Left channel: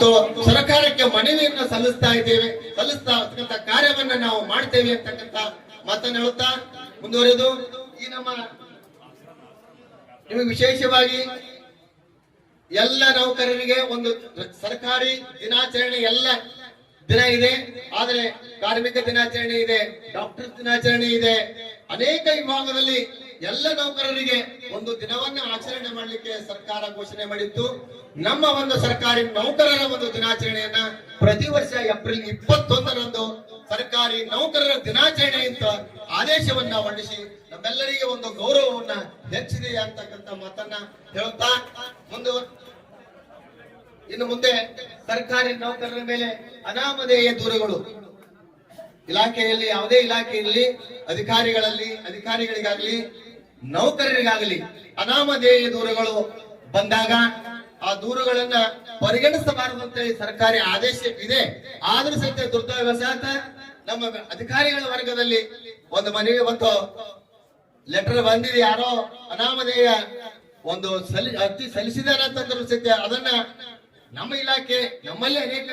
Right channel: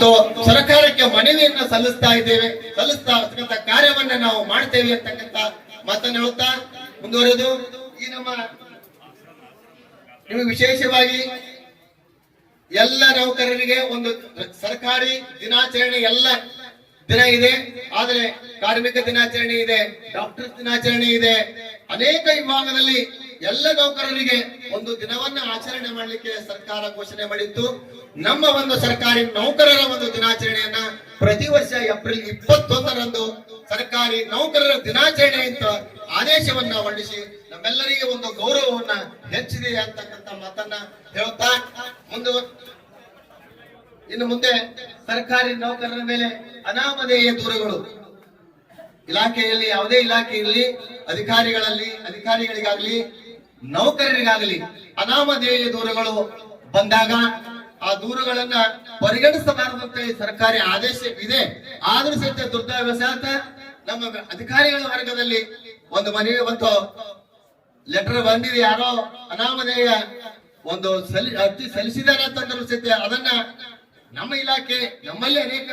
ಮತ್ತು ಸರ್ಕಾರಕ್ಕೆ ಮನವಿಯನ್ನ ಸಲ್ಲಿಸ್ತಕ್ಕಂಥ ಕಾರ್ಯವನ್ನ ನಾವು ಮಾಡ್ತೇವೆ ಅಂತಕ್ಕಂಥ ಮಾತನ್ನ ಹೇಳ್ತಾ ಮುಂದುವರೆದು ಈ ನಿಮಗೆ ವಿಶೇಷವಾಗಿ ಎಲ್ಲ ನೌಕರರಿಗೆ ಒಂದು ಸರ್ಕಾರಿ ದಿನಾಚರಣೆ ಎಲ್ಲ ದಿನ ಇದೆ. ಆದರೆ ಕಾರ್ಮಿಕ ದಿನಾಚರಣೆ ಇದೆ, ಡಾಕ್ಟರ್ ದಿನಾಚರಣೆ ಇದೆ. ಅನೇಕ ವಿಭಾಗದಲ್ಲಿ ಎಲ್ಲ ನೌಕರರಿಗೆ ಒಂದು ದಿನವನ್ನ ಆಚರಣೆ ಮಾಡಲಿಕ್ಕೆ ಸರ್ಕಾರ ಘೋಷಣೆ ಮಾಡಿತ್ತು. ನಮ್ಮ ಒಂದು ಸರ್ಕಾರಿ ನೌಕರರ ಒಂದು ದಿನಾಚರಣೆಯನ್ನ ಪ್ರತಿ ವರ್ಷ ಏಪ್ರಿಲ್ 21ರಂದು ಸರ್ಕಾರಿ ನೌಕರರ ದಿನಾಚರಣೆ ಅಂತ ಆದೇಶವನ್ನ ಹೊರಡಿಸಿ ನಮ್ಮೆಲ್ಲರಿಗೆ ಒಂದು ಗೌರವವನ್ನ ಹೆಚ್ಚಿದೆ ಅಂತಕ್ಕಂಥ ಮಾತನ್ನ ಹೇಳುತ್ತಾ ಇನ್ನು ಮುಂದೆ ಸರ್ಕಾರಿ ನೌಕರರ ಮೇಲೆ ಅನಾಮಧೇಯ ದೂರುಗಳು ಇಲಾಖೆಯಲ್ಲಿ ಯಾವುದೇ ಇಲಾಖೆ ಇರಲಿ, ಅಧಿಕಾರಿಗಳಿಗಾಗಲಿ ನೌಕರರಿಗಾಗಲಿ ಅನಾಮಧೇಯ ದೂರುಗಳು ಬಂದಾಗ ಆ ದೂರುಗಳನ್ನ ಪರಿಗಣಿಸಬಾರದಂತೆ ಸರ್ಕಾರಿ ಆದೇಶ ಇದೆ. ಆದ್ರೂ ಸಹಿತ ದುರ್ದೈವಶಾತ ನಮ್ಮ ಅಧಿಕಾರಿಗಳ ವರ್ಗದಲ್ಲಿ ಒಂದು ಮನವಿ ಮತ್ತು ಲೆಟರ್ ಬಂದಿದೆ. ಯಾರೋ ಅನಾಮಧೇಯ ಒಂದು ಅರ್ಜಿ ಸಲ್ಲಿಸಿದ್ದಾರೆ ಅಂತಂದ್ರೂ ಸಹಿತ ಅದನ್ನ ನಮ್ಮ ಇಲಾಖೆ ನಮ್ಮಲ್ಲಿ ಅನೇಕ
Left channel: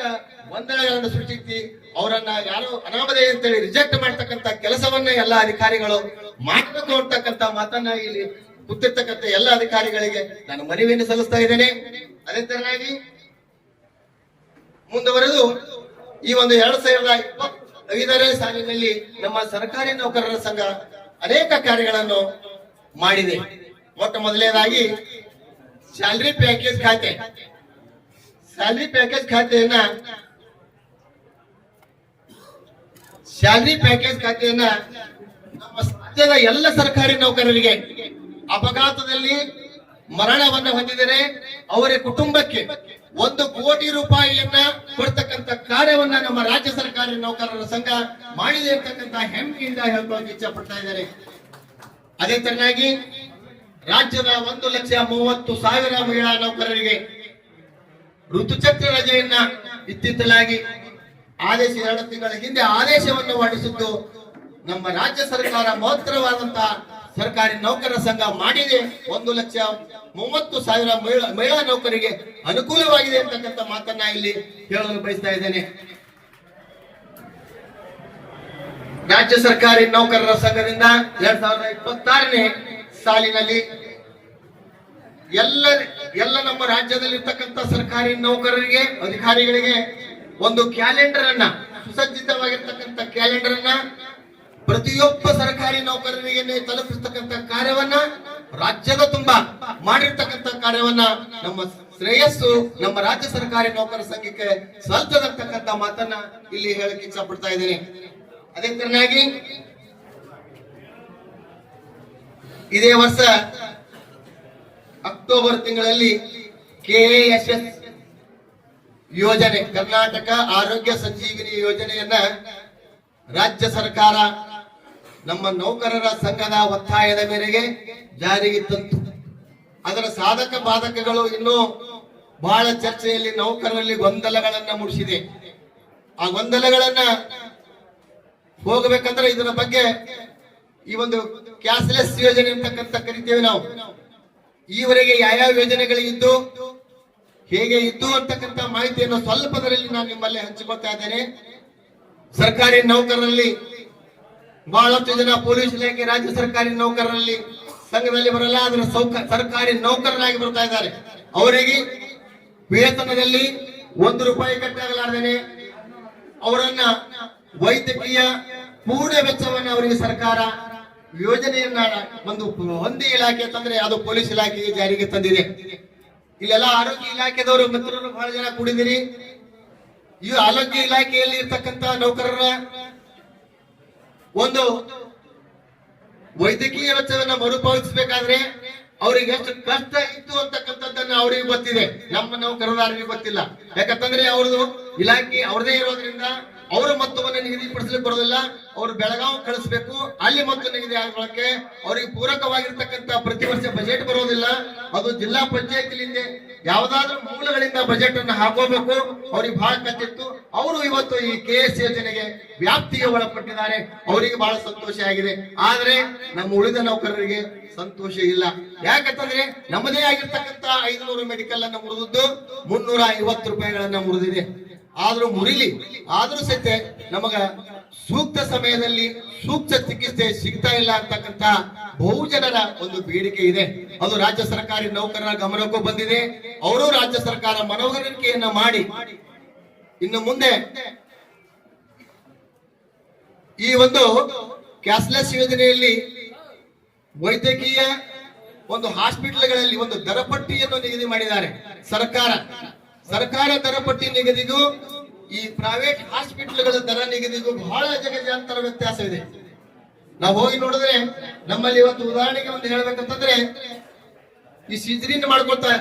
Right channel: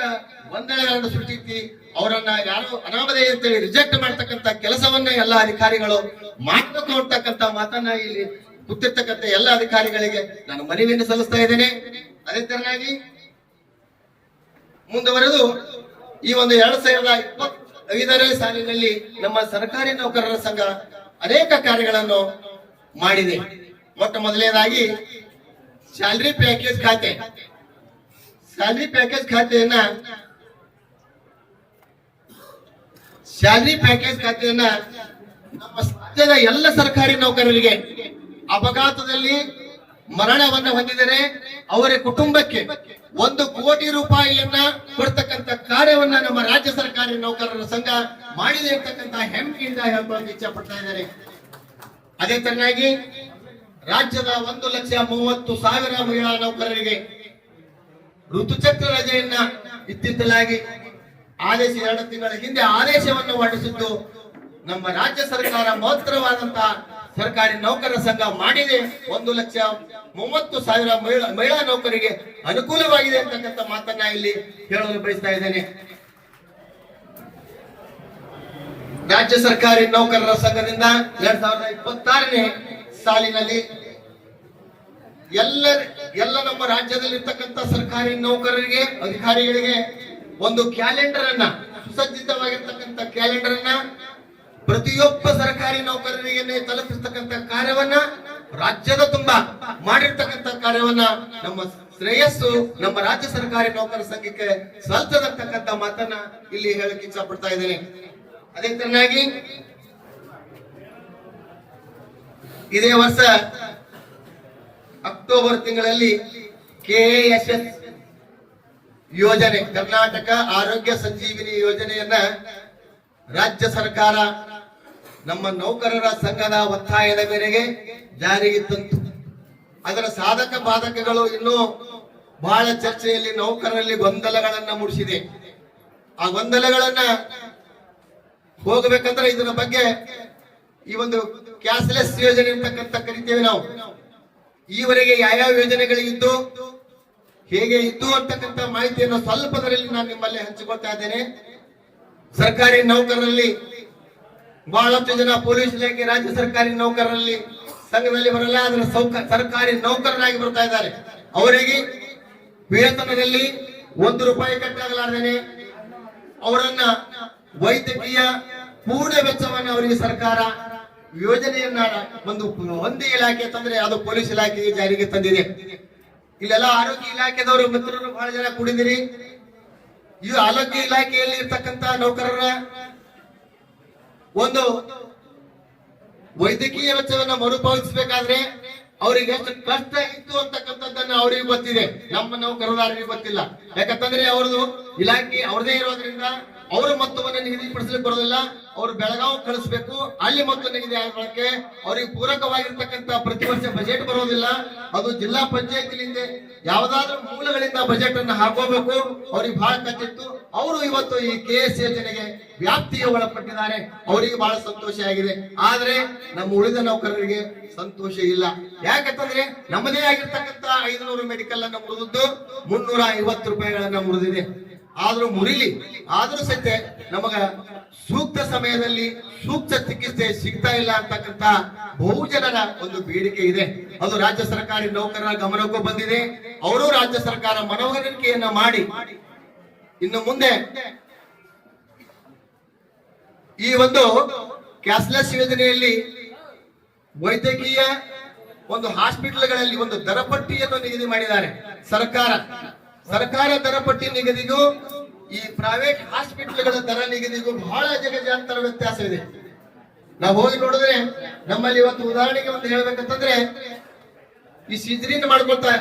ಗೊಂದಲಗಳನ್ನು ಸೃಷ್ಟಿಸಿ ಅವರನ್ನ ಯಾರು ಅನಾಮಧೇಯ ಅಂತೇಳಿ ರಿಜೆಕ್ಟ್ ಮಾಡ್ತಕ್ಕಂಥ ಕೆಲಸವನ್ನ ಎಲ್ಲ ಅಧಿಕಾರಿಗಳು ಮಾಡಬೇಕು ಅಂತಕ್ಕಂಥ ಮಾತನ್ನ ಇಲ್ಲಿ ಕೂತಿರ್ತಕ್ಕಂಥ ಎಲ್ಲ ಅಧಿಕಾರಿಗಳಿಗೆ ನಾನು ಮನವಿಯನ್ನು ಸಲ್ಲಿಸ್ತಾ ಇದ್ದೇನೆ. ಅದೇ ತರನಾಗಿ ಮುಂದುವರೆದು ಈ ಒಂದು 2025ನೇ ಸಾಲಿನಲ್ಲಿ ನಮ್ಮ ಸರ್ಕಾರಿ ನೌಕರರ ಸಂಘ ಅನೇಕ ಕಾರ್ಯಗಳನ್ನು ಮಾಡಿದೆ. ಮೊಟ್ಟ ಮೊದಲನೇದಾಗಿ ಸ್ಯಾಲರಿ ಪ್ಯಾಕೇಜ್ ಖಾತೆಯನ್ನ ನಮ್ಮ ಸಮಾಜದ ಎಲ್ಲ ಸರ್ಕಾರಿ ನೌಕರರಿಗೆ ಅಪಘಾತದಲ್ಲಿ ಮರಣವನ್ನು ಹೊಂದಿದರೆ ಅವರ ಕುಟುಂಬಕ್ಕೆ 1 ಕೋಟಿ ರೂಪಾಯಿಯನ್ನ ಕೊಡ್ತಕ್ಕಂಥ ಕಾರ್ಯವನ್ನ ನಮ್ಮ ರಾಜ್ಯ ಸರ್ಕಾರಿ ನೌಕರರ ಸಂಘ ಮಾಡಿದೆ ಅಂತಕ್ಕಂಥ ಹೆಮ್ಮೆಯಿಂದ ಹೇಳಲು ಇಚ್ಛೆ ಪಡ್ತಾ ಇದ್ದಾರೆ. ಅದೇ ತರನಾಗಿ ರಾಜ್ಯದ 1,30,30,000 ಮಹಿಳಾ ನೌಕರರಿಗೆ ಋತುಚಕ್ರ ರಜೆಯನ್ನ ಇತ್ತಿತ್ತಲಾಗಿ ಆದೇಶ 2 ತಿಂಗಳ ಹಿಂದೆ ಆದೇಶವನ್ನು ಹೊರಡಿಸಿದ್ದು ನಮ್ಮ ರಾಜ್ಯ ಸರ್ಕಾರ ಮಹತ್ತರವಾದಂತಹ ಸರ್ಕಾರಿ ನೌಕರರ ಸಂಘ ಮಾಡಿದೆ. 1,30,30,000 ಮಹಿಳಾ ನೌಕರಿಗೆ ಅನುಕೂಲವಾಗಿದೆ ಅಂತಕ್ಕಂಥ ಮಾತನ್ನ ಇಲ್ಲಿ ಹೇಳಲು ಬಯಸ್ತಾ ಇದ್ದೇನೆ. ರಾಜ್ಯ ಸರ್ಕಾರಿ ನೌಕರರ ಸಂಘದಿಂದ 2026ನೇ ಸಾಲಿನಲ್ಲಿ ಎಲ್ಲ ನಮ್ಮ ರಾಜ್ಯದಲ್ಲಿರ್ತಕ್ಕಂಥ ಸರ್ಕಾರಿ ನೌಕರರಿಗೆ ಅಧಿಕಾರಿಗಳಿಗೆ ಒಂದು ಕ್ಯಾಲೆಂಡರ್ ಅನ್ನ, ಸುಸಜ್ಜಿತವಾಗಿರ್ತಕ್ಕಂಥ ಕ್ಯಾಲೆಂಡರ್ ಅನ್ನ ಪ್ರತಿಯೊಬ್ಬ ಸರ್ಕಾರಿ ನೌಕರರಿಗೆ ತಲುಪಿಸ್ತಕ್ಕಂಥ ಕಾರ್ಯವನ್ನ ರಾಜ್ಯದ ತುಂಬಾ ಮಾಡಿರ್ತಕ್ಕಂಥ ಕಾರ್ಯವನ್ನ ನಮ್ಮ ಶ್ರೇಯಸ್ಸು ನಮ್ಮ ರಾಜ್ಯ ಸರ್ಕಾರಿ ನೌಕರ ಸಂಘಕ್ಕೆ ಸಲ್ತದಕ್ಕಂಥ ಮಾತನ್ನ ಇಲ್ಲಿ ಹೇಳಕ್ಕೆ ಇಚ್ಛೆ ಪಡ್ತಾ ಇದ್ದೇನೆ. ಅದೇ ತರನಾಗಿ ಇದೇ ವರ್ಷ ಅಕ್ಟೋಬರ್ ತಿಂಗಳಲ್ಲಿ KASS ಯೋಜನೆ, ಕರ್ನಾಟಕ ಆರೋಗ್ಯ ಸಂಜೀವಿನಿ ಯೋಜನೆಯನ್ನ ರಾಜ್ಯ ಸರ್ಕಾರ ನಮ್ಮ ನೌಕರರ ಸಂಘದ ಒತ್ತಾಯದ ಮೇರೆಗೆ ಜಾರಿಗೆ ತಂತು. ಅದರ ಸಾಧಕ ಬಾಧಕಗಳು ಇನ್ನೂ ಬಹಳ ಚರ್ಚೆಯಲ್ಲಿ ನೌಕರರಲ್ಲಿ ಗೊಂದಲಗಳನ್ನ ಮೂಡಿಸಿದೆ. ಆ ಗೊಂದಲಗಳನ್ನ ಹೋಗಬೇಕಂದ್ರೆ ಇದರ ಬಗ್ಗೆ ಈ ಒಂದು ಕ್ಯಾಶ್ಲೆಸ್ ಯೋಜನೆ ಅಂತಕ್ಕಂಥ ಕರಿತೇವೆ ನಾವು. ಈವರೆಗೆ ಯಾವ್ಯಾವ ಯೋಜನೆಗಳಿದ್ದು ಹೇಗೆ ಇದ್ದು ಅಂತಕ್ಕಂಥ ಮಾಹಿತಿಯನ್ನು ಸ್ವಲ್ಪದರಲ್ಲಿ ನಾನು ನಿಮ್ಮಲ್ಲಿ ಹಂಚಿಕೊಳ್ತಾ ಇದ್ದೇನೆ. ಸರ್ಕಾರಿ ನೌಕರರಲ್ಲಿ ಬಹಳಷ್ಟು ಜನ ಪೊಲೀಸ್ ಇಲಾಖೆ ರಾಜ್ಯ ಸರ್ಕಾರಿ ನೌಕರರಲ್ಲಿ ಸಂಘದಲ್ಲಿ ಬರಲ್ಲ, ಅದರ ಸರ್ಕಾರಿ ನೌಕರರಾಗಿ ಬರ್ತಾ ಇದ್ದಾರೆ. ಅವರಿಗೆ ವೇತನದಲ್ಲಿ 1 ರೂಪಾಯಿ ಕಟ್ಟಾಗಲಾರ್ದೇನೆ ಅವರನ್ನ ವೈದ್ಯಕೀಯ ಪೂರ್ಣ ವೆಚ್ಚವನ್ನು ಅವರಿಗೆ ಸರ್ಕಾರ ಯೋಜನೆಯನ್ನ ಒಂದೇ ಇಲಾಖೆ ತಂದ್ರೆ ಅದು ಪೊಲೀಸ್ ಇಲಾಖೆಗೆ ಜಾರಿಗೆ ತಂದಿದೆ. ಇಲ್ಲೆಲ್ಲ ಆರೋಗ್ಯ ಇಲಾಖೆದವರು ಮಿತ್ರರು ಬಹಳ ಜನ ಕೂಡಿದಿರಿ. ಈ ಆರೋಗ್ಯ ಇಲಾಖೆಯಲ್ಲಿ ಇರ್ತಕ್ಕಂಥ ನೌಕರರ ಒಂದು ವೈದ್ಯಕೀಯ ವೆಚ್ಚವನ್ನು ಮರುಪಾವತಿಸಬೇಕಾದ್ರೆ ಅವರಿಗೆ ಎಷ್ಟು ಕಷ್ಟ ಇತ್ತು ಅಂತಕ್ಕಂಥದ್ದನ್ನ ಅವರಿಗೆ ಗೊತ್ತಿದೆ, ನಮ್ಮ ನೌಕರರಿಗೆ ಗೊತ್ತಿಲ್ಲ. ಯಾಕಂತಂದ್ರೆ ಅವ್ರದ್ದು ಇಲಾಖೆ ಅವ್ರದೇ ಇರೋದ್ರಿಂದ ಅವರ ಮೊತ್ತವನ್ನು ನಿಗದಿಪಡಿಸಲಿಕ್ಕೆ ಬರೋದಿಲ್ಲ. ಅವರು ಬೆಳಗಾವಿ ಕಳಿಸ್ಬೇಕು, ಅಲ್ಲಿ ಮೊತ್ತ ನಿಗದಿ ಆಗೋಕೆ ಅವರಿಗೆ ಪೂರಕವಾಗಿರ್ತಕ್ಕಂಥ ಪ್ರತಿ ವರ್ಷ ಬಜೆಟ್ ಬರೋದಿಲ್ಲ. ಅದು ಜಿಲ್ಲಾ ಪಂಚಾಯತಿಲಿಂದ ಯಾವ್ದಾದ್ರೂ ಮೂಲಗಳಿಂದ ಬಜೆಟ್ ಅನ್ನು ಹಾಕೋಬೇಕು. ಅವ್ರಿಗೆ ಬಹಳ ಕಚ್ಚಿತ್ತು. ಅವರು ಇವತ್ತು ಈ KS ಯೋಜನೆಗೆ ವ್ಯಾಪ್ತಿಗೆ ಒಳಪಟ್ಟಿದ್ದಾರೆ. ಅವರಿಗೆ ಬಹಳ ಸಂತೋಷ ಆಗಿದೆ. ಆದ್ರೆ ನಮ್ಮ ಉಳಿದ ನೌಕರರಿಗೆ ಸಂತೋಷ ಇಲ್ಲ. ಯಾಕಂತಂದ್ರೆ ನಮ್ಮದೇ ಆಗಿರ್ತಕ್ಕಂಥ 500 ಮೆಡಿಕಲ್ ಅನ್ನು ಮುರಿದದ್ದು 350 ರೂಪಾಯಿಗಳನ್ನ ಮುರಿದಿದೆ. ಆದ್ರೂ ಮುರಿಲಿ, ಆದ್ರೂ ಸಹಿತ ನಮಗ ಸೂಕ್ತ ಸಮಯದಲ್ಲಿ ಸೂಕ್ತ ಚಿಕಿತ್ಸೆ ಸಿಗ್ತಾ ಇಲ್ಲ ಅಂತಕ್ಕಂತ ಬಹುಜನರ ಒಂದು ಬೇಡಿಕೆ ಇದೆ. ಅದು ರಾಜ್ಯ ಸರ್ಕಾರಿ ನೌಕರರ ಗಮನಕ್ಕೂ ಬಂದಿದೆ. ಅವರು ರಾಜ್ಯ ಸರ್ಕಾರ ಮನವರಿಕೆಯನ್ನ ಮಾಡಿ ಇನ್ನು ಮುಂದೆ ಈ ಒಂದು ಕ್ಯಾಶ್ಲೆಸ್ ಯೋಜನೆಯಲ್ಲಿ ವೈದ್ಯಕೀಯ ಒಂದು ಹಾಸ್ಪಿಟಲ್ಗಳಲ್ಲಿ ಒಂದು ದರಪಟ್ಟಿಯನ್ನು ನಿಗದಿ ಮಾಡಿದ್ದಾರೆ. ಸರ್ಕಾರ ದರಪಟ್ಟಿ ನಿಗದಿಗೂ ಈ ಪ್ರೈವೇಟ್ ಹಾಸ್ಪಿಟಲ್ಗಳ ದರ ನಿಗದಿಗೂ ಬಹಳ ಜಗಜಾಂತರ ವ್ಯತ್ಯಾಸವಿದೆ. ನಾವು ಹೋಗಿ ನೋಡಿದ್ರೆ ನಮ್ಮಲ್ಲಿ ಇವತ್ತು ಉದಾಹರಣೆಗೆ ಒಂದು ಹೇಳ್ಬೇಕಂತಂದ್ರೆ ಈ ಸೀಜರಿನ್ ಮಾಡ್ಕೊಳ್ತಾ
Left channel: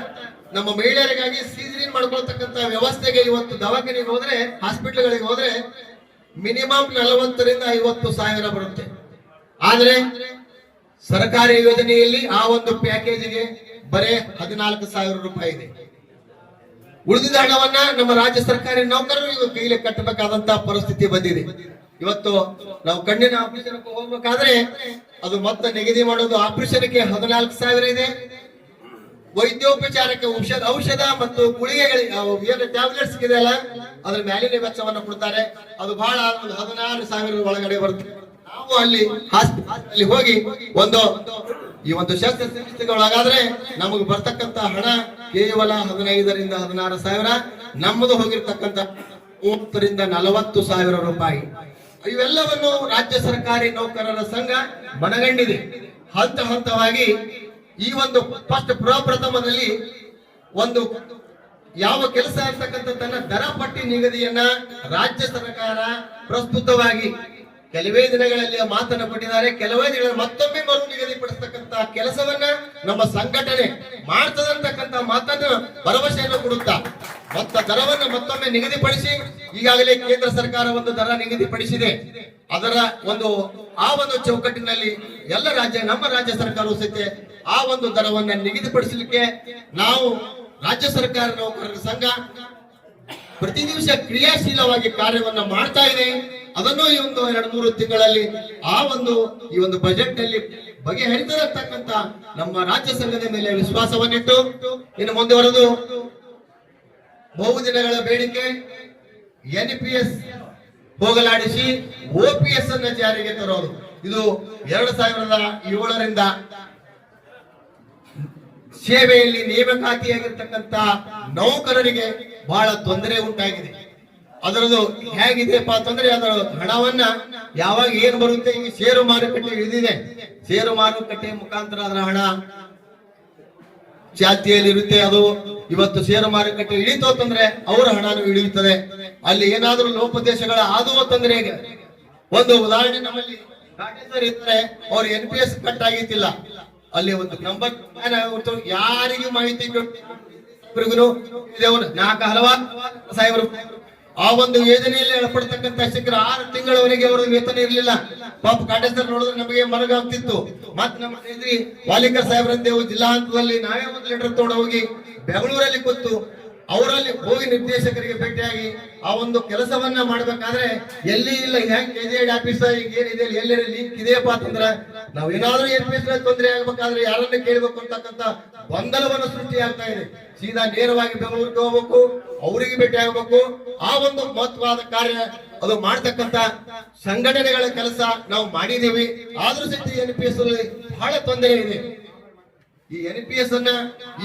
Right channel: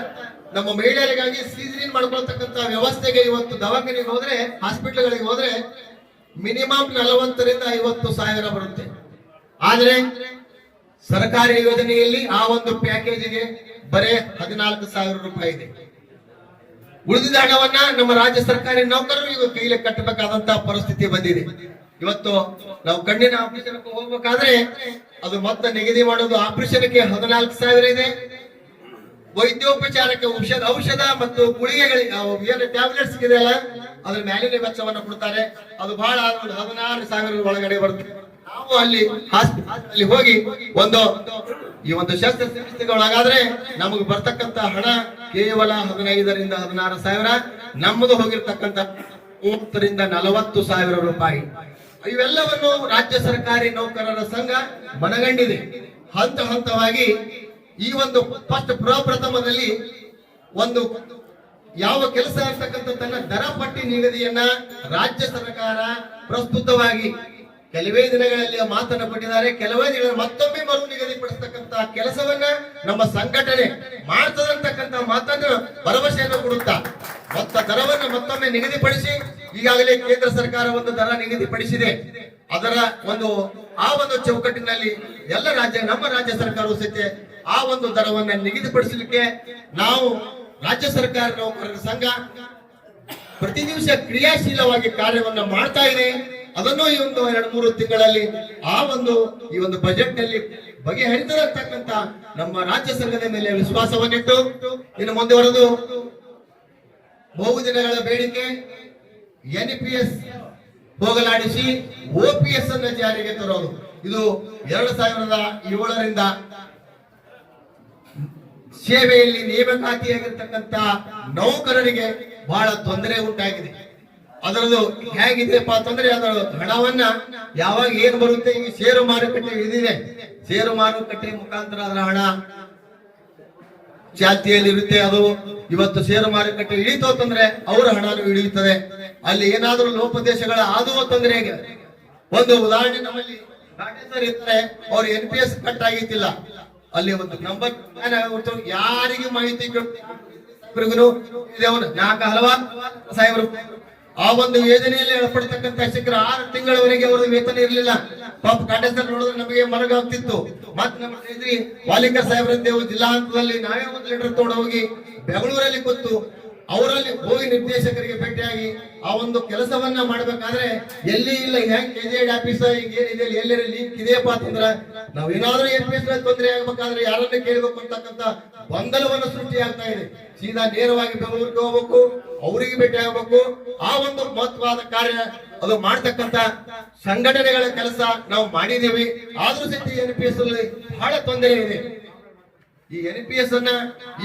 ನಮ್ಮ ಮಹಿಳೆಯರಿಗಾಗಿ ಸೀಜರಿನ್ ಮಾಡ್ಕೊಳ್ತಕ್ಕಂತ ವ್ಯವಸ್ಥೆಗೆ ಇವತ್ತು ದವಾಖಾನೆಗೆ ಹೋದ್ರೆ ಹಾಸ್ಪಿಟಲ್ಗಳಿಗೆ ಹೋದ್ರೆ ಮಿನಿಮಮ್ 40 ರಿಂದ 50 ಸಾವಿರ ಬರುತ್ತೆ. ಆದ್ರೆ ಸರ್ಕಾರಿ ಯೋಜನೆಯಲ್ಲಿ ಆ ಒಂದು ಪ್ಯಾಕೇಜಿಗೆ ಬರೇ 14 ಸಾವಿರ ರೂಪಾಯಿ ಇದೆ. ಉಳಿದ ಹಣವನ್ನ ನಮ್ಮ ರಾಜ್ಯ ಸರ್ಕಾರಿ ನೌಕರರು ಈಗ ಕೈಲಿ ಕಟ್ಟಬೇಕಾದಂತಹ ಪರಿಸ್ಥಿತಿ ಬಂದಿದೆ. ಇವತ್ತು ನಾವು ಕಣ್ಣಿನ ಆಪರೇಷನ್ ಹೋಗ್ಬೇಕಾದ್ರೆ ಅದು ಮತ್ತೆ ನಿಗದಿ ಮಾಡೋದು ಆಪರೇಷನ್ಗೆ 14 ಸಾವಿರ ಇದೆ. ವೈದ್ಯೋಪಚಾರಕ್ಕೆ ಔಷಧ ಮತ್ತು ಗುಳಿಗೆಗಳಿಗೆ ಏನು ಟ್ಯಾಬ್ಲೆಟ್ಸ್ ಇದೆಯಲ್ಲ ಅದ್ರ ಮ್ಯಾಲಿನ ವೆಚ್ಚವನ್ನು ಕೊಡ್ತಾರೆ. ಅದು ಬಹಳ 16 ಸಾವಿರ ಒಳಗಡೆ ಬರುತ್ತೆ. ನಾವು ಅಲ್ಲಿ ಹೋಗಿ ಈ ಒಂದು ಶಸ್ತ್ರಚಿಕಿತ್ಸೆಗೆ ಒಳಗಾದ್ರೆ ನಮಗೆ ಬರ್ತಕ್ಕಂತ ಹಣ ಕೇವಲ 15 ರಿಂದ 16 ಸಾವಿರ. ನಮ್ಮದು ಹೋಗಿರ್ತಕ್ಕಂತ 30 ರಿಂದ 40 ಸಾವಿರ ರೂಪಾಯಿ. ಇವೆಲ್ಲವನ್ನು ರಾಜ್ಯ ಸರ್ಕಾರಿ ನೌಕರರ ಸಂಘ ಮನಗಂಡಿದೆ. ಹಂತ ಹಂತವಾಗಿ ಈ ಒಂದು ಪ್ರಪ್ರಥಮದಲ್ಲಿ ಒಂದು ಯಾವ ಕೆಲಸ ಇರ್ತಕ್ಕಂಥದ್ದನ್ನ ದರ ಪಟ್ಟಿ ನಿಗದಿಯನ್ನ ರಾಜ್ಯ ಸರ್ಕಾರ ಪ್ರಸ್ತುತವಾಗಿ ಕೆಲವೇ ದಿನಗಳಲ್ಲಿ ಮಾತನ್ನ ಕೊಟ್ಟಿದ್ದಾರೆ. ಕೆಲವೇ ದಿನ ಮತ್ತೊಮ್ಮೆ ಮರು ನಿಗದಿಪಡಿಸತಕ್ಕಂತ ಕೆಲಸವನ್ನ ನಮ್ಮ ಸಂಘಟನೆ ಮಾಡ್ತದಂತಕ್ಕಂತ ಮಾತನ್ನು ಭರವಸೆಯನ್ನು ಕೊಡುತ್ತಾ ಮತ್ತ ದರವನ್ನು ಮತ್ತೊಮ್ಮೆ ನಿಗದಿಪಡಿಸಿ ಈಗಾಗಲೇ ಕೇಂದ್ರ ಸರ್ಕಾರ ಒಂದು ದರ ನಿಗದಿಪಡಿಸಿದೆ. ಅದರ ಆ ಒಂದು ಚೌಕಟ್ಟಿನಲ್ಲಿ ನಮ್ಮ ರಾಜ್ಯ ಸರ್ಕಾರವು ಸಹಿತ ಆ ಒಂದು ದರವನ್ನ ನಿಗದಿಪಡಿಸಲಿಕ್ಕೆ ನಾವು ರಾಜ್ಯ ಸರ್ಕಾರ ನೌಕರರ ಸಂಘ ಪ್ರತಿ ದಿವಸ ಕ್ರಿಯಾಶೀಲವಾಗಿ ಕಾರ್ಯವನ್ನ ಮಾಡ್ತಾ ಇದೆ. ಅದನ್ನು ಈ ಒಂದು 2-3 ತಿಂಗಳಲ್ಲಿ ಈ ಒಂದು ಬಜೆಟ್ ನಲ್ಲಿ ಬಗೆಹರಿತಕ್ಕಂತ ನಮ್ಮ ರಾಜ್ಯ ಸಂಘದ ಮೇಲೆ ವಿಶ್ವಾಸವನ್ನಿಟ್ಟು ಇನ್ನು ಮುಂದುವರೆದು ಬಹುದಿನಗಳ ಬೇಡಿಕೆ NPS ಹೋಗಲಾಡಿಸಿ OPS ಅನ್ನ ಜಾರಿಗೆ ತರೋದು. ಇದು 2007ರಿಂದ ಸೇವೆಯಲ್ಲಿ ನೇಮಕಾತಿಯಾಗಿರ್ತಕ್ಕಂತ ನೌಕರರಿಗೆ ಬಹಳ ತೊಂದರೆ ಉಂಟಾಗಿದೆ. ಅದರದು ಹೇಗಿದೆಯಪ್ಪ ಅಂತಂದ್ರೆ ಅದರ ಹಣವನ್ನ ಯಾವಾಗ ಏನ್ ಬರುತ್ತೆ, ಈಗ ಷೇರು ಮಾರುಕಟ್ಟೆ ಇಳಿದಿದೆ. ಷೇರು ಮಾರುಕಟ್ಟೆ ಮುಖಾಂತರ ಅದರ ಹಣ ಚಾಲ್ತಿಯಲ್ಲಿ ಇರುತ್ತೆ. ಅದು ಇವತ್ತು ಷೇರು ಮಾರುಕಟ್ಟೆ ಇಳಿತು ಅಂತಂದ್ರೆ ಅವರ ಹಣನು ಇಳಿಯುತ್ತದೆ. ಅಲ್ಲಿ ಏನಾದ್ರೂ ಲೋಪದೇಶಗಳ ಆದವು ಅಂತಂದ್ರೆ ಒಂದು ಉದಾಹರಣೆ ನಮ್ಮಲ್ಲಿ ಇರ್ತಾರೆ, ಅವ್ರು NPS ಕಟ್ ಆಗಿತ್ತಿಲ್ಲ. ಅಲ್ಲಿ ಒಂದು ನಂಬರ್ ಯಾರಿಗೂ ಮಾಹಿತಿ 4 ಹಲವಾರು ಸಾವಿರ ಆ ಒಂದು ಯೋಜನೆಯಲ್ಲಿ ಒಳಪಡ್ತಕ್ಕಂತ ಶಿಕ್ಷಕರು 6 ತಿಂಗಳವರೆಗೆ ಅವರ ವೇತನ ಇರಲಿಲ್ಲ. ಪಾಪ ಕಾಟೇಶ್ವರ ನೋಡಿದ್ರೆ ನಮಗೆ ಮನಗಾಗ್ತಿತ್ತು. ಮತ್ ನಮ್ಮ ಎದುರಿ ವಾಲಿಕರ್ ಸಾಹೇಬ್ರಂದೇವು ಜಿಲ್ಲಾ ಹಂತದಲ್ಲಿ ನಾವೇ ಒಂದು ಲೆಟರ್ ತಗೊಂಡು ಹೋಗಿ ಬೆಂಗಳೂರಲ್ಲಿ ಕೂತು ಅವರಲ್ಲಿ ಹೋಗಿ ನಿರ್ದೇಶಕರಿಗೆ ಭೇಟಿಯಾಗಿ ಆ ಒಂದು ಕೆಲಸವನ್ನ ಮಾಡ್ಬೇಕಾದ್ರೆ ಎಲ್ಲಿ ಇಲ್ಲ ಕೆಜೆಡ್ ಆಫೀಸ್ ಏನಿದೆ ಎಲ್ಲೆಲ್ಲಿ ಲೀಕ್ ಇದೆಯಪ್ಪ ಅಂತಂದ್ರೆ ನಾವ್ ಏನಾದ್ರೂ NPS ತೊಂದರೆ ಆಗ್ಬೇಕಾದ್ರೆ ಯಾರನ್ನ ಕೇಳಬೇಕು ಅಂತಕ್ಕಂತ ಗೊಂದಲವನ್ನು ಸೃಷ್ಟಿ ಆಗ್ತಾ ಇದೆ. ಸೀದಾ ನೇರವಾಗಿ ಬೆಂಗಳೂರಿಗೆ ಹೋಗ್ಬೇಕು, ಅವರಿಗೆ ಭೇಟಿ ಆಗ್ಬೇಕು. ಆ ಒಂದು ಮಹತ್ವವಾದ ಕಾರ್ಯ ಅದು ಮಾಡ್ತಕ್ಕಂತ ಸಂಘಟನೆಗಳ ಕೆಲಸ ನಾವು ಮಾಡಿದೀವಿ. ಆದ್ರೂ ಸಹಿತ NPS ಅಲ್ಲಿ ಬಹಳ ತೊಂದರೆ ಇದೆ. ಈ NPS ಅನ್ನ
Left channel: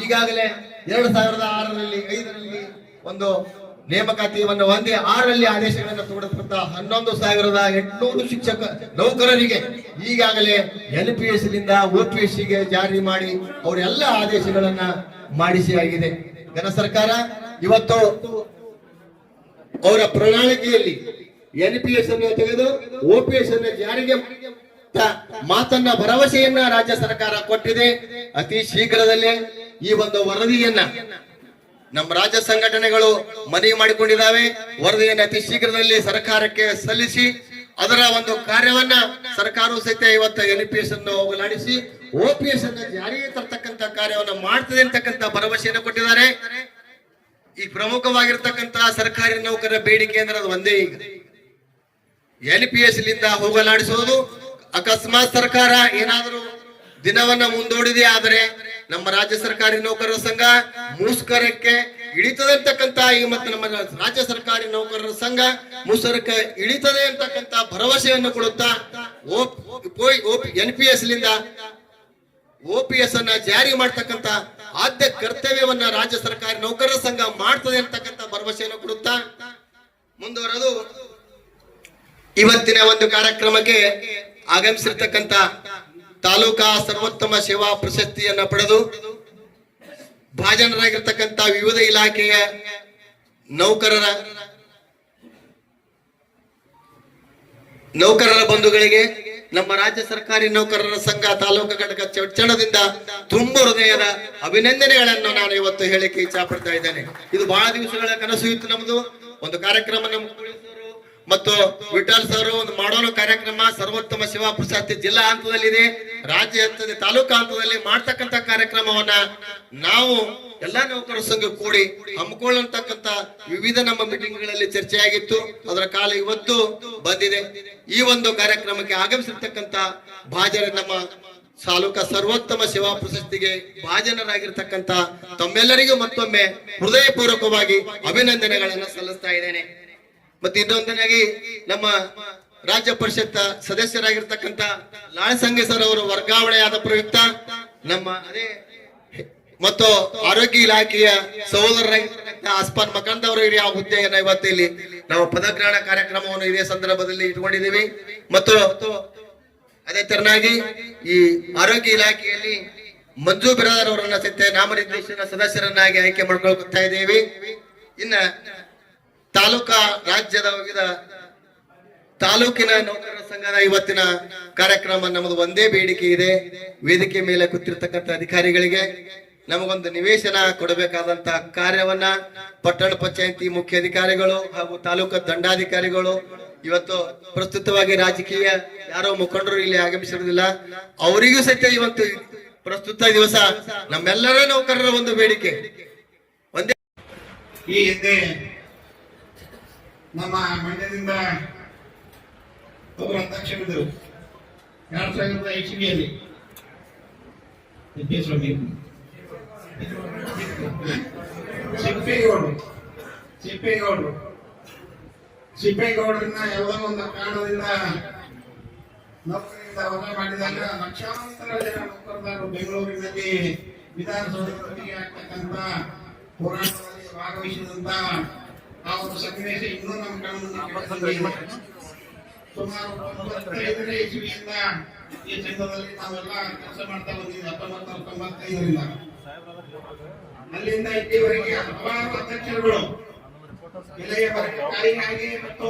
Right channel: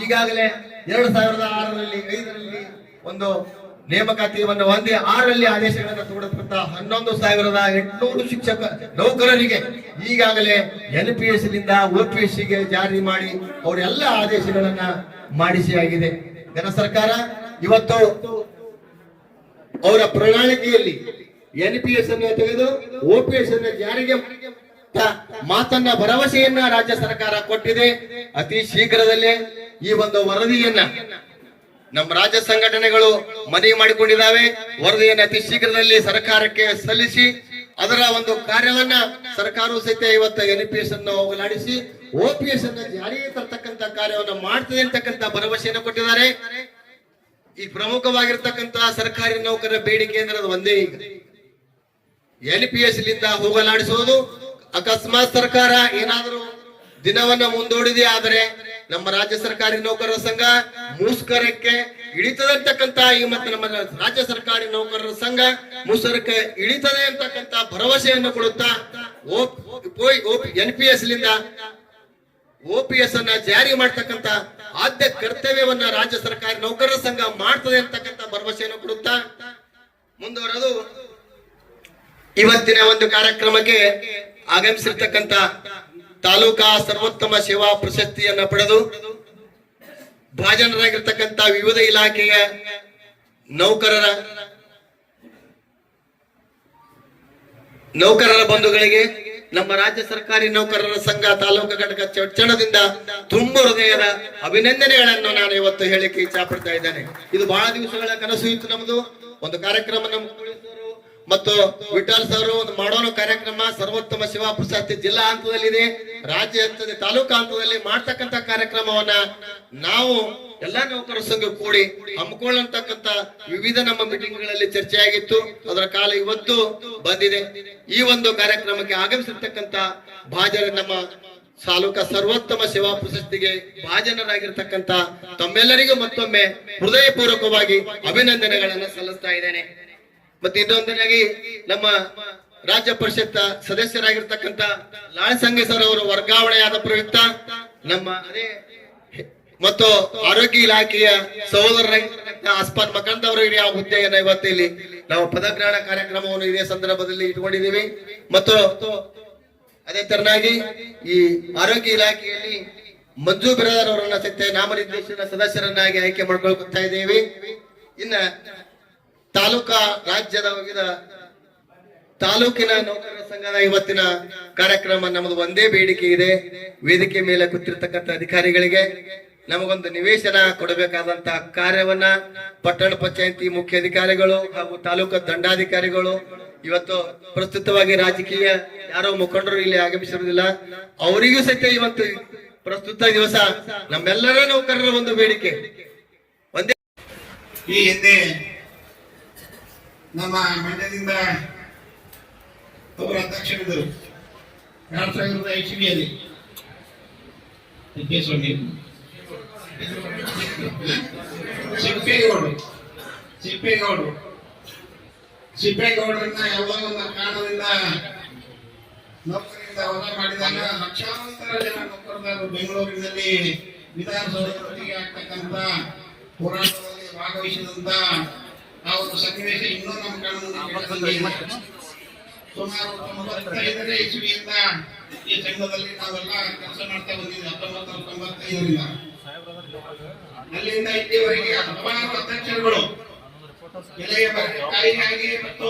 ಈಗಾಗಲೇ 2006ರಲ್ಲಿ 5ರಲ್ಲಿ ಒಂದು ನೇಮಕಾತಿಯನ್ನು ಹೊಂದಿ 6ರಲ್ಲಿ ಆದೇಶಗಳನ್ನು ತಗೊಂಡಂತ 11,800 ಶಿಕ್ಷಕ ನೌಕರರಿಗೆ ಈಗಾಗಲೇ NPS ನಿಂದ OPS ಗೆ ಜಾರಿ ಮಾಡಿ ಅವರೆಲ್ಲ ಆದೇಶಗಳನ್ನ ಮಾಡಿಸಿ ಆಗಿದೆ. ಕೇಂದ್ರ ಸರ್ಕಾರ ಇವತ್ತು ಅವರ ಪ್ರಣಾಳಿಕೆಯಲ್ಲಿ NPS ಅನ್ನು ತೆಗೆದು OPS ಅನ್ನು ಜಾರಿಗೆ ಮಾತನ್ನ ಭರವಸೆಯನ್ನ ರಾಜ್ಯ ಸರ್ಕಾರ ಕೊಟ್ಟಿದೆ. ಅತಿ ಶೀಘ್ರದಲ್ಲೇ ಈ ಒಂದು ವರದಿಯನ್ನ ನಮ್ಮ ರಾಜ್ಯ ಸಂಘಟನೆಗಳು ಮನವಿ ಮಾಡಿಕೊಂಡಿದ್ದಾವೆ. ವರದಿಯನ್ನು ಅತಿ ಶೀಘ್ರದಲ್ಲಿ ಸರ್ಕಾರಕ್ಕೆ ಸಲ್ಲಿಸಿ ಅದರ ಒಂದು ಕಾರ್ಯವನ್ನ ಸರ್ಕಾರವು ಸಹಿತ ಇವತ್ತು NPS ಅನ್ನು ಹೋಗಲಾಡಿಸಿ OPS ಅನ್ನು ಜಾರಿಗೆ ತರ್ತಕ್ಕಂತ ಕಾರ್ಯವನ್ನು ಮಾಡ್ತದೆ ಅಂತಕ್ಕಂತ ಭರವಸೆಯನ್ನು ಕೊಟ್ಟಿದ್ದಾರೆ. ಈ ಪ್ರಮುಖವಾಗಿರ್ತಕ್ಕಂತ ಸರ್ಕಾರಿ ನೌಕರರ ಬೇಡಿಕೆ ಅಂದ್ರೆ ಅದು ಒಂದೇ, ಈಗ NPS ಲಿಂದ ಹೋಗಲಾಡಿಸುವುದು. ಅಕಸ್ಮಾತ್ ಸರ್ಕಾರ ಏನಾದರೂ ದಿನವನ್ನ ಮುಂದೂಡಿದೆ. ಆದರೆ ನಮ್ಮ ರಾಜ್ಯ ಸರ್ಕಾರಿ ನೌಕರರ ಸಂಘ ಮುಷ್ಕರಕ್ಕೆ ಇಳಿತದೆ ಅಂತಕ್ಕಂತ ಈ ಮತ್ತು ನಮ್ಮ ರಾಜ್ಯ ಸರ್ಕಾರಿ ನೌಕರರ ಸಂಘ ಮುಷ್ಕರಕ್ಕೆ ಇಳಿತದೆ ಅಂತಕ್ಕಂತ ಭರವಸೆಯನ್ನು ಕೊಡುತ್ತಾ NPS ಲಿಂದ OPS ಅನ್ನ ಜಾರಿ ಮಾಡ್ತಕ್ಕಂತ ಆದ್ಯ ಕರ್ತವ್ಯವನ್ನ ರಾಜ್ಯ ಸರ್ಕಾರಿ ನೌಕರರ ಸಂಘ ಮಾಡ್ತದೆ ಅಂತಕ್ಕಂತ ಭರವಸೆಯನ್ನು ಕೊಡುತ್ತಾ ಮುಂದುವರೆದು ಇವತ್ತಿನ ಒಂದು ಕಾರ್ಯಕ್ರಮಕ್ಕೆ ಆಗಮಿಸಿರ್ತಕ್ಕಂತ ತಾಲೂಕಾ ಸರ್ವೋತ್ತಮ ಸೇವಾ ಪ್ರಶಸ್ತಿಯನ್ನ ಪಡೆದು ಭಾಜನರಾಗಿರ್ತಕ್ಕಂತ ವಿವಿಧ ಇಲಾಖೆಯ ನೌಕರರ ಬಂಧುಗಳಿಗೆ ನಮ್ಮ ರಾಜ್ಯ ಸರ್ಕಾರಿ ನೌಕರರ ಸಂಘ ತಾಲೂಕು ಘಟಕ ಚಡ್ಚಣದಿಂದ ತುಂಬ ಹೃದಯದ ಅಭಿನಂದನೆಗಳನ್ನು ನಾನು ಇವತ್ತು ಹೇಳಿಕೆ ಇಚ್ಛಾ ಪಡ್ತಾ ಇದ್ದೇನೆ. ಇದು ಬಹಳ ದಿವಸಗಳ ಕನಸು ಇತ್ತು ನಮ್ದು. ಒಂದು ಕಾರ್ಯಕ್ರಮ ನಮ್ಮ ಮತ್ತು ವಿಠಲ್ ಸರ್ ಒಂದು ಮಾಡೋಣ ಕಾರ್ಯಕ್ರಮ ಸರ್ವೋತ್ತಮ ಸೇವಾ ಪ್ರಶಸ್ತಿ ಜಿಲ್ಲಾ ಹಂತದಲ್ಲಿದೆ, ರಾಜ್ಯ ಹಂತದ ತಾಲೂಕಾ ಹಂತದಲ್ಲಿ ಮಾಡ್ತಕ್ಕಂತ ಕಾರ್ಯಕ್ರಮವನ್ನ ನಾವು ಎಲ್ಲಾ ನೌಕರ ಸಂಘ ಕೂಡಿ ಹಮ್ಮಿಕೊಳ್ಳತಕ್ಕಂತ ವಿವಿಧ ನಮ್ಮ ಮೀಟಿಂಗ್ ಗಳಲ್ಲಿ ಚರ್ಚೆಯಾಗಿತ್ತು. ಅದರ ಕಾಲ ಇವತ್ತು ಬಂದಿದೆ. ಈ ಒಂದು ಕಾರ್ಯಕ್ರಮಕ್ಕೆ ಆಗಮಿಸಿರ್ತಕ್ಕಂತ ಭಾಜನ ನಮ್ಮ ತಾಲೂಕಾ ಸರ್ವೋತ್ತಮ ಸೇವಾ ಪ್ರಶಸ್ತಿಗೆ ಭಾಜನರಾಗಿರ್ತಕ್ಕಂತ ತಮ್ಮೆಲ್ಲರಿಗೂ ಮತ್ತೊಮ್ಮೆ ಹೃದಯಪೂರ್ವಕವಾಗಿ ಅಭಿನಂದನೆಗಳನ್ನು ಸಲ್ಲಿಸ್ತಾ ಇದ್ದೇನೆ. ಮತ್ತೆ ಇನ್ನೊಂದನಾಗಿ ನಮ್ಮ ರಾಜ್ಯ ಪರಿಷತ್ ಸದಸ್ಯರಾಗಿರ್ತಕ್ಕಂತ ಲಾಳಸಂಗ ಸರ್ ಅವರು ವರ್ಗಾವಣೆಯಾದ ಪ್ರಯುಕ್ತ ನಮ್ಮ ಅದೇ ಮತ್ತು ಆರೋಗ್ಯ ಇಲಾಖೆಯ ಸಹೋದರರಾಗಿರ್ತಕ್ಕಂಥ ಆಸ್ಪಾನ್ ಮಕಂದ್ ಅವರು ಹಿರಿಯ ಹುದ್ದೆಯನ್ನ ಇವತ್ತು ಇಲ್ಲಿ ನಾವು ಪದಗ್ರಹಣ ಕಾರ್ಯಕ್ರಮವನ್ನು ಇದೇ ಸಂದರ್ಭದಲ್ಲಿ ಇಟ್ಕೊಂಡಿದ್ದೀವಿ. ಮತ್ತು ಅದೇ ತರನಾಗಿ ಈ ಆರೋಗ್ಯ ಇಲಾಖೆಯಲ್ಲಿ ಮಂಜು ಬಿರಾದರ್ ಅವರನ್ನ ಸತ್ಯ ನಾಮನಿರ್ದೇಶನ ಸದಸ್ಯರನ್ನಾಗಿ ಆಯ್ಕೆ ಮಾಡ್ಕೊಳ್ತಾ ಇದ್ದೇವೆ. ಇನ್ನ ತಾಲೂಕಾ ರಾಜ್ಯದ ವಿವಿಧ ತಾಲೂಕಿನ ನೌಕರರ ಸಂಘದ ಇವತ್ತಿನ ಕಾರ್ಯಕ್ರಮ ನಮ್ಮದು ಒಂದೇ ಬೇಡಿಕೆ ಇದೆ. ವೇದಿಕೆ ಮೇಲೆ ಕೂತಿರ್ತಕ್ಕಂಥ ಅಧಿಕಾರಿಗಳಿಗೆ ನಮಗೊಂದು ನಿವೇಶನ ಕೊಡಬೇಕಾದಂತಹ ಕಾರ್ಯವನ್ನ ಪಟ್ಟಣ ಪಂಚಾಯತಿ ಮುಖ್ಯ ಅಧಿಕಾರಿಗಳು ಹಾಗೂ ತಾಲೂಕು ದಂಡಾಧಿಕಾರಿಗಳು ಇವತ್ತು ಪ್ರಸ್ತುತವಾಗಿ ರಾಜಕೀಯ ಯಾರೋ ಮುಖಂಡರು ಇಲ್ಲಿ ಆಗಮಿಸಿರುವುದಿಲ್ಲ, ಅವರಿಗೂ ಸಹಿತ ಇವತ್ತು ಪ್ರಸ್ತುತ ದಿವಸ ನಮ್ಮೆಲ್ಲರ ನೌಕರರ ಒಂದು ಬೇಡಿಕೆ ಒಂದೇ. ಈ ಹಿಂದೆ ನಮ್ಮ ಮಂಡ್ಯದಿಂದ ಅವರ ಅಧ್ಯಕ್ಷರಿದ್ದರು 2000 ಇಸ್ವಿಯಲ್ಲಿ ಸಿಪ್ಪೇಗೌಡರನ್ನ ಯಾವುದೋ ಒಂದು ಕಾರಣದಿಂದ ನೌಕರಿಯಿಂದ ಹೊರ ಮಾಡಿದಾಗ ಲಕ್ಷಾಂತರ ಜನ ನೌಕರದಾರರು ಬೆಂಗಳೂರಿನಲ್ಲಿ ವಿಧಾನಸೌಧ ಮಟ್ಟಿಗೆ ಆಗ್ತಕ್ಕಂಥ ಹೋರಾಟದಲ್ಲಿ ಭಾಗವಹಿಸಿದಂತ ಆ ಒಂದು ಸನ್ನಿವೇಶ ಇನ್ನೂ ನಮ್ಮ ಕಣ್ಮುಂದೆ ಸುಮಾರು 95ನೇ ಇಸ್ವಿಯಿಂದ ಈ ಸಂಘದಲ್ಲಿ ನಾವೆಲ್ಲ ಕೆಲಸ ಮಾಡ್ತಾ ಬಂದಿದ್ದೀವಿ. 1995ರಿಂದ ಅಲ್ಲಿಂದ ಇಲ್ಲಿವರೆಗೆ ಹಲವಾರು ಅಧ್ಯಕ್ಷರುಗಳು ಬೆಲೆಗಾಗಿ ಮತ್ತು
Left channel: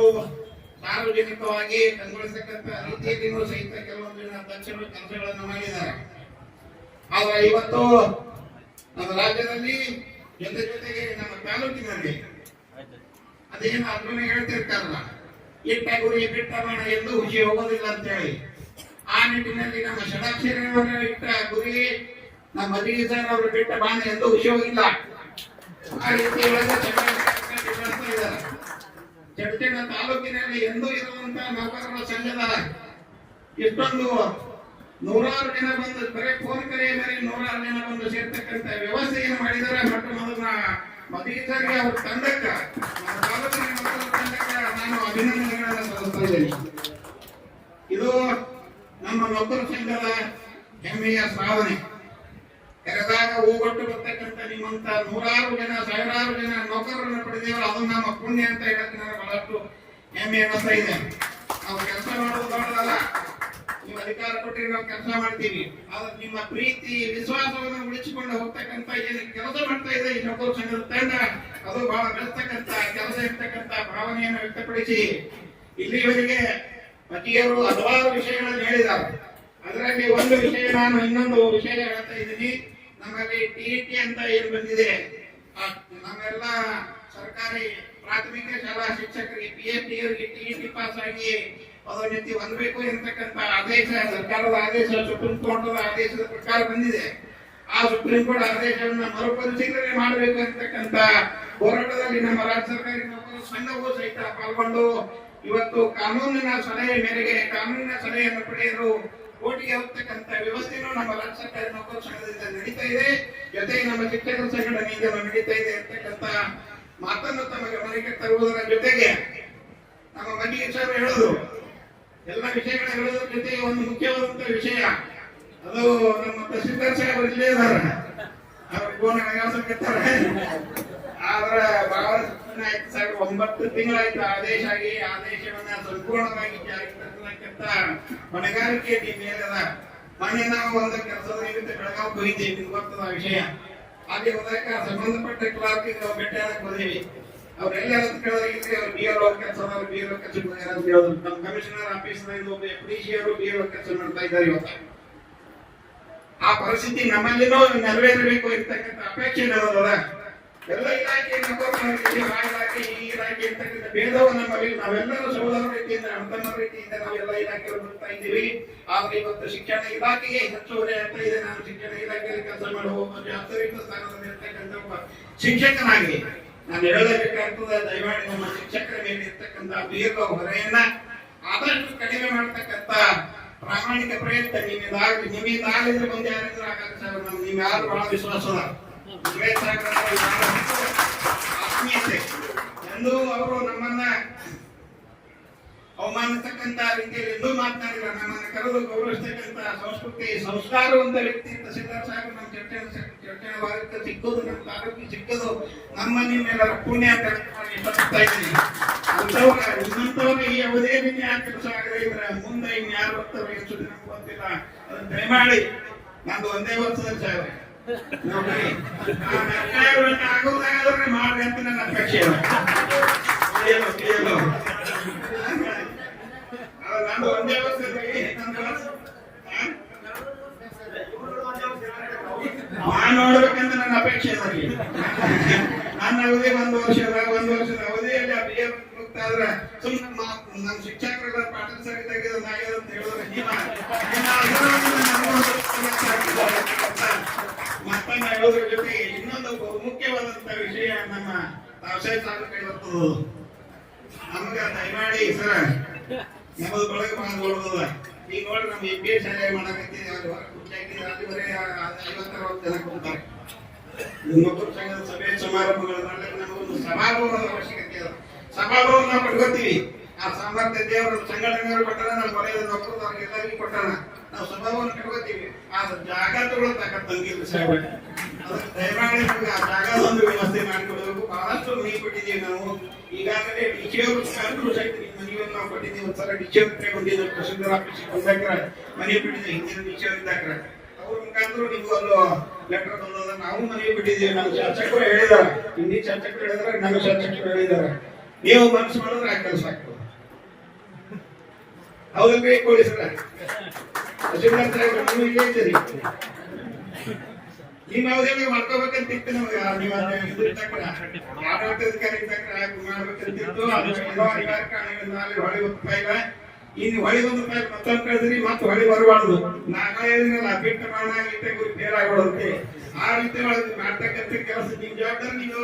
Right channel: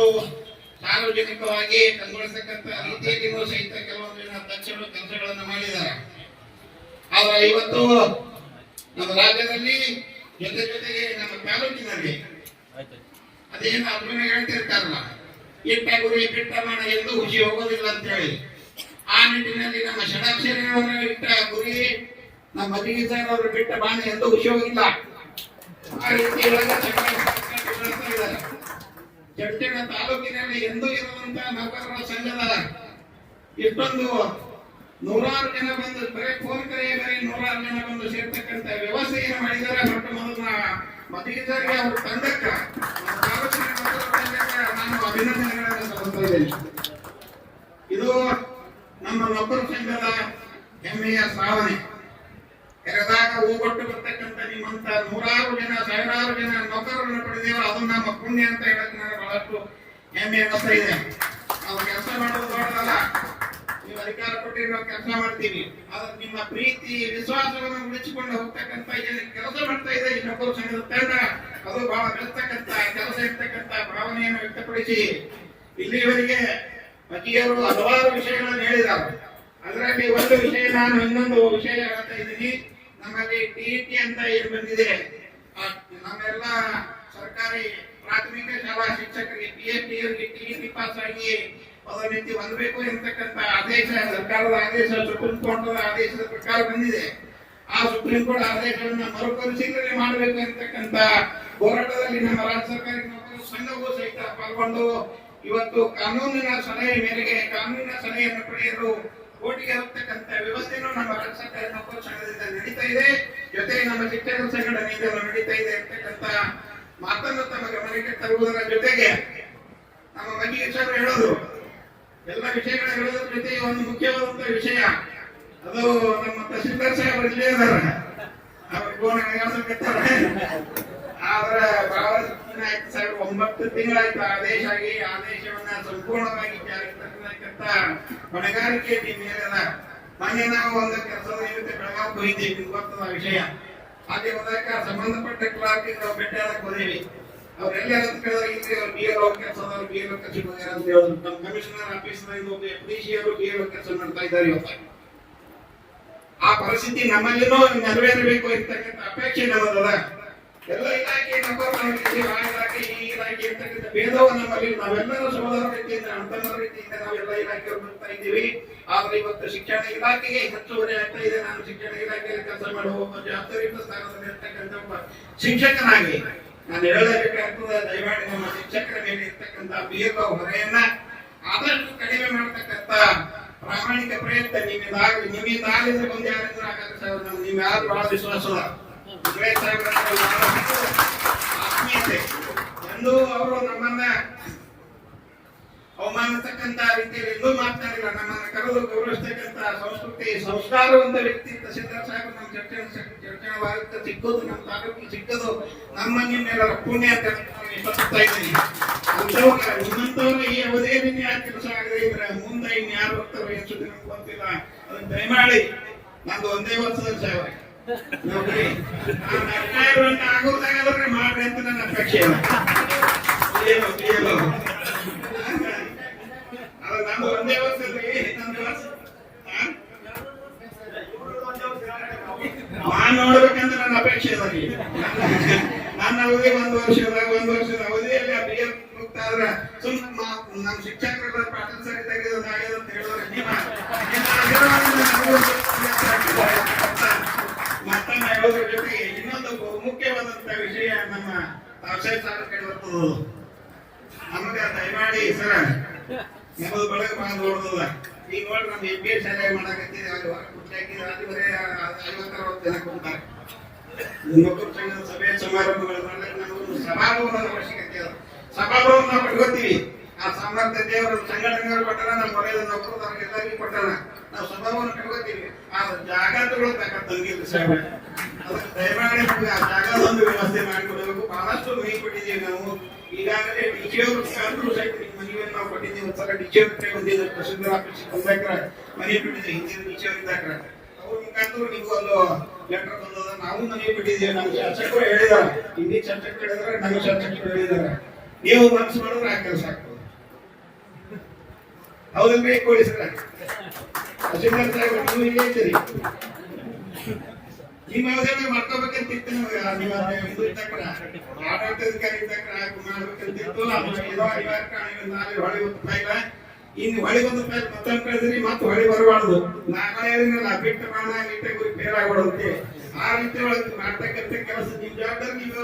ಸಾರ್ವಜನಿಕವಾಗಿ ಕಂಗೊಳಿಸತಕ್ಕಂಥ ರೀತಿಯಲ್ಲಿಯೂ ಸಹಿತ ಕೆಲವೊಂದು ಅಧ್ಯಕ್ಷರು ಕೆಲಸಗಳನ್ನು ಮಾಡಿದ್ದಾರೆ. ಆದರೆ ಇವತ್ತು ನಮ್ಮ ರಾಜ್ಯದಲ್ಲಿ ಜೊತೆಗೆ ನಮ್ಮ ತಾಲೂಕಿನಲ್ಲಿ ಅದೇನು ಅರ್ಜುನ ಹೇಳ್ತಿರ್ತಾರಲ್ಲ, ಇಟ್ಟ ಗುರಿ ಬಿಟ್ಟ ಮಾಡ ಎಂದು ಖುಷಿ ಹೋಗೋದಿಲ್ಲ ಅಂತ ಹೇಳಿ, ಆ ನಿಟ್ಟಿನಲ್ಲಿ ನಮ್ಮ ಷಡಾಕ್ಷರಿಗಳವರು ಇಟ್ಟ ಗುರಿ ನಮ್ಮ ಮದಿಗೆ ಸರ್ ಅವರು ಬಿಟ್ಟ ಬಾಣ ಎಂದು ಖುಷಿ ಹೋಗಿಲ್ಲ. ಆ ರೀತಿ ಚಡ್ಚಣ ತಾಲೂಕಿನಲ್ಲಿ ಎಂದೂ ಇರುವಂತಹ ನೌಕರರ ಸಂಘದ ಇಷ್ಟೊಂದು ನೂರಾರು ಜನ ಬಂದು ಬರೀ ಫೋನ್ ಕರೆ ಬರೀ 100 ಜನ ಬಂದು ಸೇರ್ತಕ್ಕಂಥ ವ್ಯವಸ್ಥೆಯನ್ನು ಮಾಡಿದರೆ ಮತ್ತು ಮೊದಲ ಮದಿಗೆಸರಿಗೆ ಅವ್ರ ತಂಡಕ್ಕ ನಮ್ಮ ತಾಲೂಕಿನ ನೌಕರರ ತಂಡಕ್ಕ ನಾನು ಅಭಿನಂದನೆಗಳನ್ನು ಸಲ್ಲಿಸ್ತಾ ಇದ್ದೇನೆ. ಇದು ನಮ್ಮ ನೌಕರ ಸಂಘದ ಹೆಮ್ಮೆಯ ಸಾಧನೆ. ಕರೆದಾಗ ಹೋಗೊಟ್ಟು ಬರ್ತಕ್ಕಂಥ ನಿಮ್ಮಂತ ನೂರಾರು ಜನ ಸಾವಿರಾರು ಜನ ನೌಕರರನ್ನು ಪಡೆದೇವ, ಅದು ನಮ್ಮ ಪುಣ್ಯ ಅಂತ ಹೇಳಕ್ಕೆ ನನಗೆ ಬಹಳಷ್ಟು ಹೆಮ್ಮೆ ಅನ್ನಿಸ್ತಾ ಇದೆ. ನಾವು ಕೆಲಸ ಮಾಡೋದು ದೊಡ್ಡದಲ್ಲ, ನೀವು ಅಧಿಕಾರ ಕೊಟ್ಟರೆ ನಾವು ಕೆಲಸ ಮಾಡ್ತೀವಿ, ಆದ್ರೆ ನಿಮ್ಮ ಪ್ರೀತಿ ವಿಶ್ವಾಸವನ್ನು ಉಳಿಸಿಕೊಂಡು ಹೋಗ್ತಕ್ಕಂಥ ಏನು ಕೆಲಸ ಮಾಡ್ತಾ ಇದೆ ಈ ನೌಕರ ಸಂಘದ ತಂಡ, ಅದು ಬಹಳ ಬೆಳೆಸ್ತಕ್ಕಂಥ ಕೆಲಸ ಇರ್ತಕ್ಕಂಥ ಭಾವನೆಯನ್ನು ವ್ಯಕ್ತಪಡಿಸಿ ಇಲ್ಲಿಯವರೆಗೆ ಅತಿಯವರು ಹಲವಾರು ವಿಷಯಗಳನ್ನು ಹೇಳಿದ್ದಾರೆ. ಅದರಲ್ಲಿ ಒಂದು ವಿಷಯ ನಾನು ಇನ್ನೊಂದು ವಿಷಯ ಹೇಳ್ತಾ ಇದ್ದೀನಿ. ನಮ್ಮಲ್ಲಿ ಟಿಇಟಿ ಅಂತ ಏನು ಬಂದಿದೆ, ನಮ್ಮೆಲ್ಲ ಸರ್ಕಾರಿ ಪ್ರಾಥಮಿಕ ಶಾಲಾ ಶಿಕ್ಷಕರಿಗೆ PhD ಟಿಇಟಿ ಪಾಸ್ ಆಗಿ ಪದೋನ್ನತಿ ಹೊಂದಬೇಕು ಎಂತಕ್ಕಂಥ ಆದೇಶ, ಸರ್ಕಾರದ ಆದೇಶ, ಸುಪ್ರೀಂ ಕೋರ್ಟ್ ಆದೇಶದ ಪ್ರಕಾರ ಬಂದಿದೆ. ಆ ಸುಪ್ರೀಂ ಕೋರ್ಟ್ ಆದೇಶವನ್ನು ಮರುಪರಿಶೀಲನೆ ಮಾಡಬೇಕು ಎಂತಕ್ಕಂಥ ಹೋರಾಟದಲ್ಲಿ ನಮ್ಮ ರಾಜ್ಯ ಸರ್ಕಾರಿ ನೌಕರರ ಸಂಘವೂ ಸಹಿತ ಪಾಲ್ಗೊಂಡು ಇವತ್ತು ಕಾನೂನಿನ ಸಲಹೆ ಮೇರೆಗೆ ಕಾನೂನಿನ ಸಲಹೆಯನ್ನು ಪಡೆಯಲು ಕೋಟಿಗೆ ಹೋಗ್ತಕ್ಕಂಥ ವ್ಯವಸ್ಥೆನೂ ನಮ್ಮ ರಾಜ್ಯ ಸರ್ಕಾರಿ ನೌಕರರ ಸಂಘದಿಂದ ನಡೀತಾ ಇದೆ, ಜೊತೆಗೆ ನಮ್ಮ ಶಿಕ್ಷಕರ ಸಂಘಟನೆಯಿಂದ ನಡೀತಾ ಇದೆ ಅಂತಕ್ಕಂಥ ಮಾತನ್ನು ತಮ್ಮ ಗಮನಕ್ಕೆ ತರುವುದರ ಜೊತೆಗೆ ನಮ್ಮ ಬಗ್ಗೆ ಸರ್ ಹೇಳೋದು ಎಲ್ಲ ವಿಷಯಗಳ ಹೇಳೋದ್ರ ಜೊತೆಗೆ ಒಂದು ಮುಖ್ಯವಾದಂತ ವಿಷಯ, ಅದು ನಮ್ಮ ತಹಸೀಲ್ದಾರ್ ಸಾಹೇಬರು ಇಲ್ಲೇ ಇದಾರ, ಅವ್ರ ಫೋನ್ ಆದ್ರ ಆಯ್ತು ಸರ್ 9 ತಿಂಗಳಾಯ್ತು ಆದೇಶ ಆಗಿ, ಆದೇಶವನ್ನ ಸಂಪೂರ್ಣವಾಗಿ ಜಾರಿಗೆ ತರತಕ್ಕಂತ ಹೊಣೆಗಾರಿಕೆ ಮೇಲದ. ಮೊನ್ನೆ ನಾವು ಒಂದು ಕೆಲಸದ ನಿಮಿತ್ತ ಬೆಳಗಾವಿ ಹೋಗಿದ್ದೀವಿ, ನಿಮ್ಗೆ ಗೊತ್ತದ ವಿಷಯ. ಅಲ್ಲಿ ಹೋದಾಗ ಸಂಬಂಧಪಟ್ಟ ಕ್ಲಾರ್ಕ್ ನಾವು ಭೇಟಿಯಾದಾಗ ಹೋದೇವಿ. ಅವ್ರೆಲ್ಲ ಕೇಳಿದ್ರೆ ಇಲ್ಲಿ ಅವ್ರು BLO ಕೆಲಸದವರು BLO ಕೆಲಸ ನಮ್ಮ ಕಮಿಷನರ್ ಆಫೀಸ್ FDC ಅವರು BLO ಕೆಲಸ ಮಾಡ್ತಾ ಇದ್ದಾರೆ ಇವತ್ತು. ಆ ಪರಿಸ್ಥಿತಿ ನಮ್ಮಲ್ಲಿನೂ ನೆರವೇರಬೇಕು ಇರ್ತಕ್ಕಂಥ ಅಪೇಕ್ಷೆ ನಮ್ಮದಲ್ಲ. ಎಲ್ಲ ಇಲಾಖೆ ಆ ಇಲಾಖೆ ಈ ಇಲಾಖೆ ಇರ್ತಕ್ಕಂಥ ಭೇದವು ನಮ್ಮಲ್ಲಿ ನಾವೆಲ್ಲರೂ ಸಹೋದರ ರೀತಿಯಿಂದ ಅಣ್ಣತಮ್ಮರ ರೀತಿಯಿಂದ ನಾವೆಲ್ಲ ಇಲಾಖೆಯವರು ಬರ್ತಾ ಇದ್ದೀವಿ. ಆದ್ರೆ ಇವತ್ತು ಶಿಕ್ಷಣ ಇಲಾಖೆಗೆ ಹೆಚ್ಚುವರಿ ಆಗ್ತಾ ಇದೆ. ನಾನು ಶಿಕ್ಷಣ ಇಲಾಖೆಯಲ್ಲಿ ಕೆಲಸ ಮಾಡುವ ಒಬ್ಬ ಜವಾಬ್ದಾರಿಯುತ ಸ್ಥಾನದಲ್ಲಿ ಇರ್ತಕ್ಕಂಥ ಒಬ್ಬ ಶಿಕ್ಷಕನಾಗಿ ನಾನು ಹೇಳಬೇಕಾಗ್ತದೆ, ದಯಮಾಡಿ ನಮ್ಮ ಶಿಕ್ಷಕರ ಮೇಲೆ ಇರ್ತಕ್ಕಂಥ ದೀರ್ಘ ಹೊರೆಯನ್ನ ಆದಷ್ಟು ಕಡಿಮೆ ಮಾಡತಕ್ಕಂಥ ಪ್ರಾಮಾಣಿಕ ಪ್ರಯತ್ನ ನಿಮ್ಮಿಂದಾಗಿದ್ರೆ ಮುಂದೆ ಯಾರಿದ್ರು ಆಗಾಗ ನೀವು ಯಾರು ಬಹಳ ವಿಶ್ವಾಸದ ಆತ್ಮೀಯತೆ ಎಂದು ಅವರು ನಮ್ಮನ್ನ ಅವಮಾನಿಸ್ತಕ್ಕಂತ ರೀತಿಯಲ್ಲಿ ಎಂದೂ ಮಾತನಾಡಿಲ್ಲ. ನಮ್ಮನ್ನ ಕರೆದು ಗೌರವಿಸ್ತಕ್ಕಂತ ಸಂಸ್ಕೃತಿ ಸಂಸ್ಕಾರವಂತ ವ್ಯಕ್ತಿ ತಹಸೀಲ್ದಾರ್ ಸಾಹೇಬ್ ನಮ್ಮ ಚರ್ಚೆ ಭಾಗಕ್ಕೆ ಸಿಕ್ಕೋದು, ನಮ್ಮ ತಾಲೂಕಿಗೆ ಸಿಕ್ಕೋದು ನಮ್ಮ ನಿಮ್ಮೆಲ್ಲರ ಪುಣ್ಯ ಅಂತ ಇಷ್ಟಪಡ್ತಾ ಇದ್ದೀನಿ. ನಿಮ್ಮಂತವ್ರು ಈ ಅವಧಿಯಲ್ಲಿ ಯಾರು ಕೆಲಸ ಆಗದೆ ಇದ್ರೆ ಮುಂದೆ ಇನ್ಯಾರು ಬರ್ತಾರೋ ಎಷ್ಟು ದಿನ ಗೊತ್ತಿಲ್ಲ. ಅದನ್ನ ದಯಮಾಡಿ ನಂದು ಒಂದೇ ವರ್ಷದಲ್ಲಿ ಸಾಹೇಬ್ರೆ ನೋಡ್ರಿ, ಆಗೋದಾಗಾದ್ರೆ ಮಾಡ್ರಿ ಅಂತ ನನ್ನ ಅಪೇಕ್ಷೆ. ನಾನು ಒಂದೇ ವರ್ಷದಲ್ಲಿ ನೋಡ್ಬೇಕಂತ ನನ್ನ ಅಪೇಕ್ಷೆ ಅದ್ರಿ. ನನ್ನ ಅವಧಿ ಒಂದು ವರ್ಷದ ಅವಧಿಯಲ್ಲಿ ಆ BA ಮುಕ್ತಾದ್ರೆ ಸುಮ್ಮನೆ ನಮ್ಮ ಶಿಕ್ಷಕರ ಪಾಠ ಸರಿಯಾಗಿ ಅಂತ ಹೇಳಿದ್ರೆ ಮತ್ತನ್ನ ಹೇಳೋದ್ರ ಜೊತೆಗೆ ಇನ್ನೊಂದು ಮುಖ್ಯವಾದಂತ ವಿಷಯ ನಮ್ಮ ವ್ಯವಸಾಯ ಸಾಧಕರು ಬರ್ತದ. ನಮಗ ದಯಮಾಡಿ ಸರ ನಮ್ಮದು ಬೆಳಗ್ಗೆ ಬಹಳ ನೋಡ್ದದ. ಈಗ ನೋಡ್ರಿ ನಮ್ಮ MBA ಶಾಲೆ ಮಾಡಕತ್ತೀವಿ, ಅಲ್ಲಿ ಹೊರ ಕುರ್ಚಿ ಹಾಕಿದ್ರೆ ಅಲ್ಲಿ ಬರೀ 50-60 ಜನ ಕೂತಾರೆ. ನೌಕರ ಸಂಘದ ಸಭೆ ಸಮಾರಂಭಗಳು ಮಾಡ್ಲಿಕ್ಕೆ ನಮಗೊಂದು ಸಭಾಭವನದ ಅವಶ್ಯಕತೆ ಇದೆ. ಸಭಾಭವನ ನಾವು ಕಟ್ಕೋತೀವಿ. ಆ ಸಾಮರ್ಥ್ಯ ದೇವರ ಸಂಘಟನೆಗಳು ಕೊಟ್ಟಾರ, ನಮ್ಮ ಮನೆಯ ನೌಕರರು ಎಲ್ಲರಿಗೂ ಕೊಟ್ಟಾರ. ನಾವು ಸಭಾಭವನ ಕಟ್ಕೋತೀವಿ. ಆ ಜಾಗ ತಗೊಳ್ತಕ್ಕಂಥಂಗಿಲ್ಲ ಸಾಹೇಬ್, ಅದಕ್ಕೆ ದಯಮಾಡಿ ನಮ್ಗೆ ಆ ಜಾಗದೊಂದು ವ್ಯವಸ್ಥೆ ಮಾಡಿಕೊಡಬೇಕು. ಬಹಳಷ್ಟು ಮನೆ ಕೊಟ್ಟಿದ್ದೀವಿ ನಾವು. ಈಗಾಗಲೇ ಡಿಸಿಯವರು ಸಹಿತ ಮನೆಯನ್ನು ನಾವು ಕೊಟ್ಟಿದ್ದೀವಿ. ಒಂದ್ಸಲ ಡಿಸಿಯವ್ರ ಬಂದಿದ್ದು ತಹಸೀಲ್ದಾರ್ ಆಫೀಸ್ ಬಂದಾಗ ಮನೆ ಬಿಟ್ಟಿದ್ದೀವಿ. ಹಿಂದಿನ ಡಿಸಿಯವ್ರ ಇದ್ದಾಗ ಅವ್ರ ಮುಖಾಂತರ ನಿಮ್ಗೂ ಒಂದು ಲೆಟರ್ ಬಂದದ. ನಾವು ಮನೆ ಬಿಟ್ಟಿದ್ದೀವಿ. ನಮ್ಮ ಶಾಸಕರು ಹೇಳಿದಾರ, ಹಿಂದಿ ಶಾಸಕರು ಹೇಳಿದಾರೆ, ನಮ್ಮ ಶಾಸಕರು ಹೇಳಿದಾರೆ. ನೀವು ಮನಸ್ಸು ಮಾಡಿದ್ರೆ ಆ ಕೆಲಸ ಆಗ್ತದೆ. ಹೌದಲ್ರಿ ಪೊಲೀಸರ ತಹಸೀಲ್ದಾರ್ ಸಾಹೇಬ್ರು ನೀವು ಇಲ್ಲೇ ಇದ್ದೀರಿ. ನಿಮ್ಮ ಅವಧಿಯಲ್ಲಿ ಮಾಡ್ಕೋಬೇಕಂತಿತ್ತು ನಮಗೆ. ನೀವು ಇದು ಇದ್ದಕ್ರ ಆಡಳಿತಾಧಿಕಾರಿ ಇದ್ದಕ್ರ ಮಾಡ್ಬೇಕಂತಿತ್ತು. ಅದು ಅನಿವಾರ್ಯ ಕಾರಣಗಳಿಂದ ಹೊಳಿ ರೂಪಾಯಿಗ ಇನ್ನು ಹೊಳಿ ₹1 ಮತ್ತೊಂದು ಕಳಿದ್ರಿ, ಮತ್ತೆ ಹೊಳಿ ಬರಬಾರ್ದು. ನಾಳೆ ಬಿಟ್ಟ ಮಾಡ ಇಟ್ಟೆ ಗುರಿ ಫೇರ್ ಆಗ್ಬಾರ್ದಂತೆ. ಆ ರೀತಿ ಒಳಗೆ ಮಾಡ್ತಕ್ಕಂಥ ಕೆಲಸ ನಿಮ್ ಜವಾಬ್ದಾರಿ ನೀವು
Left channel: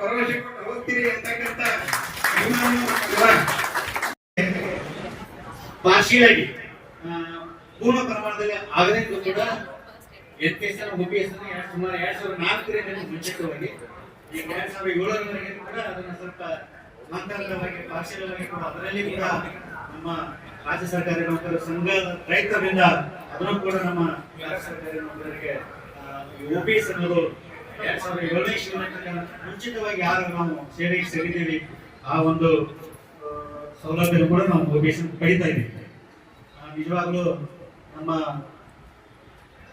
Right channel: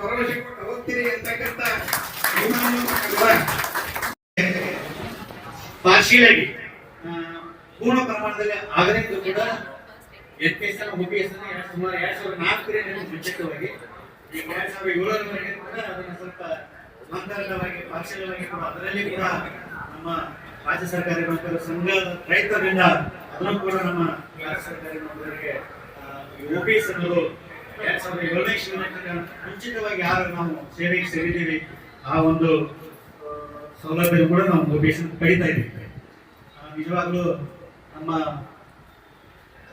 ಭರವಸೆ ಕೊಟ್ಟು ಹೋಗ್ತೀರಿ ಅಂತಕ್ಕಂಥ ಪಾರ್ಶಿಯಲಾಗಿ ಪೂರ್ಣ ಪ್ರಮಾಣದಲ್ಲಿ ಆಗಲಿಕ್ಕೂ ಕೂಡ NPS OPS ಸುಮಾರು 2004 ಮುಂಚಿತವಾಗಿ ಈಗ 2007ರವರೆಗೆ ಕೂಡ ಅದನ್ನ ಸ್ವಲ್ಪ ಮಂತರವಾಗಿ ಪಾರ್ಶಿಯಲವಾಗಿ ಕೂಡ ಅದರಲ್ಲಿ ಕೂಡ ನಮ್ಮ ರಾಜ್ಯ ಸರ್ಕಾರಿ ನೌಕರರ ಸಂಘದ ಪ್ರಯತ್ನದಿಂದ ಅದನ್ನು ಕೂಡ ನಮ್ಮ ರಾಜ್ಯ ಸರ್ಕಾರಿ ನೌಕರರಿಗೆ OPS ಅನ್ನೋರು 2007ನೇ ಮುಂಚಿತವಾಗಿ ಯಾರು ನಾವು ಸೇವೆಗೆ ಸೇರಿದ್ದೀವಿ ಆ ಒಂದು ಸೌಲಭ್ಯ ಕೂಡ ನಾವು OPS ಪಡಿತಾ ಇದ್ದೀವಿ. ನಿಜವಾಗ್ಲೂ ನಮ್ಮ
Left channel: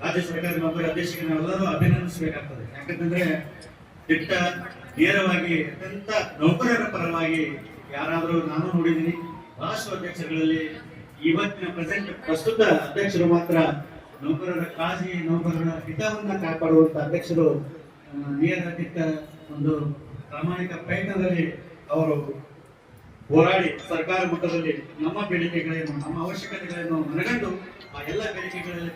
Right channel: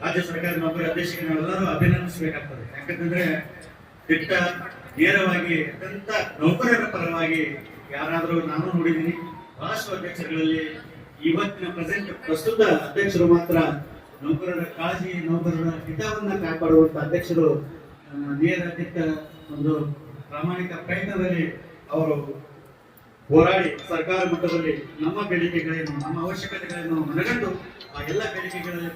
ರಾಜ್ಯ ಸರ್ಕಾರಿ ನೌಕರಿ ಅಧ್ಯಕ್ಷರಿಗೆ ನಾವೆಲ್ಲರೂ ಅಭಿನಂದಿಸಬೇಕಾಗ್ತದೆ. ಯಾಕಂತಂದ್ರೆ ದಿಟ್ಟ ನೇರವಾಗಿ ಅತ್ಯಂತ ನೌಕರರ ಪರವಾಗಿ ಯಾರಾದರೂ ನಾನು ನೋಡಿದ್ದೀನಿ. ಬಹಳಷ್ಟು ಅಧ್ಯಕ್ಷರುಗಳಲ್ಲಿ ಇವತ್ತಿನ ಪ್ರಸ್ತುತ ಅಧ್ಯಕ್ಷರು ಮಾತ್ರ ನೌಕರರ ಕಾಳಜಿ, ನೌಕರರ ಹಿತವನ್ನ ಕಾಪಾಡುವಂತ ಅಧ್ಯಕ್ಷರು ನೇರ ದಿಟ್ಟ ಒಂದು ಪ್ರಾಮಾಣಿಕ ಪ್ರಯತ್ನದಲ್ಲಿ ಅವರು ಹೋರಾಡಿ ಸರ್ಕಾರ ಮಟ್ಟದಲ್ಲಿ ನಮ್ಮ ಬೇಡಿಕೆಗಳೇನು, ನಮ್ಮ ಅವಶ್ಯಕತೆಗಳನ್ನು ಮನಗಂಡು ಆ ಎಲ್ಲ ಬೇಡಿಕೆಗಳಲ್ಲಿ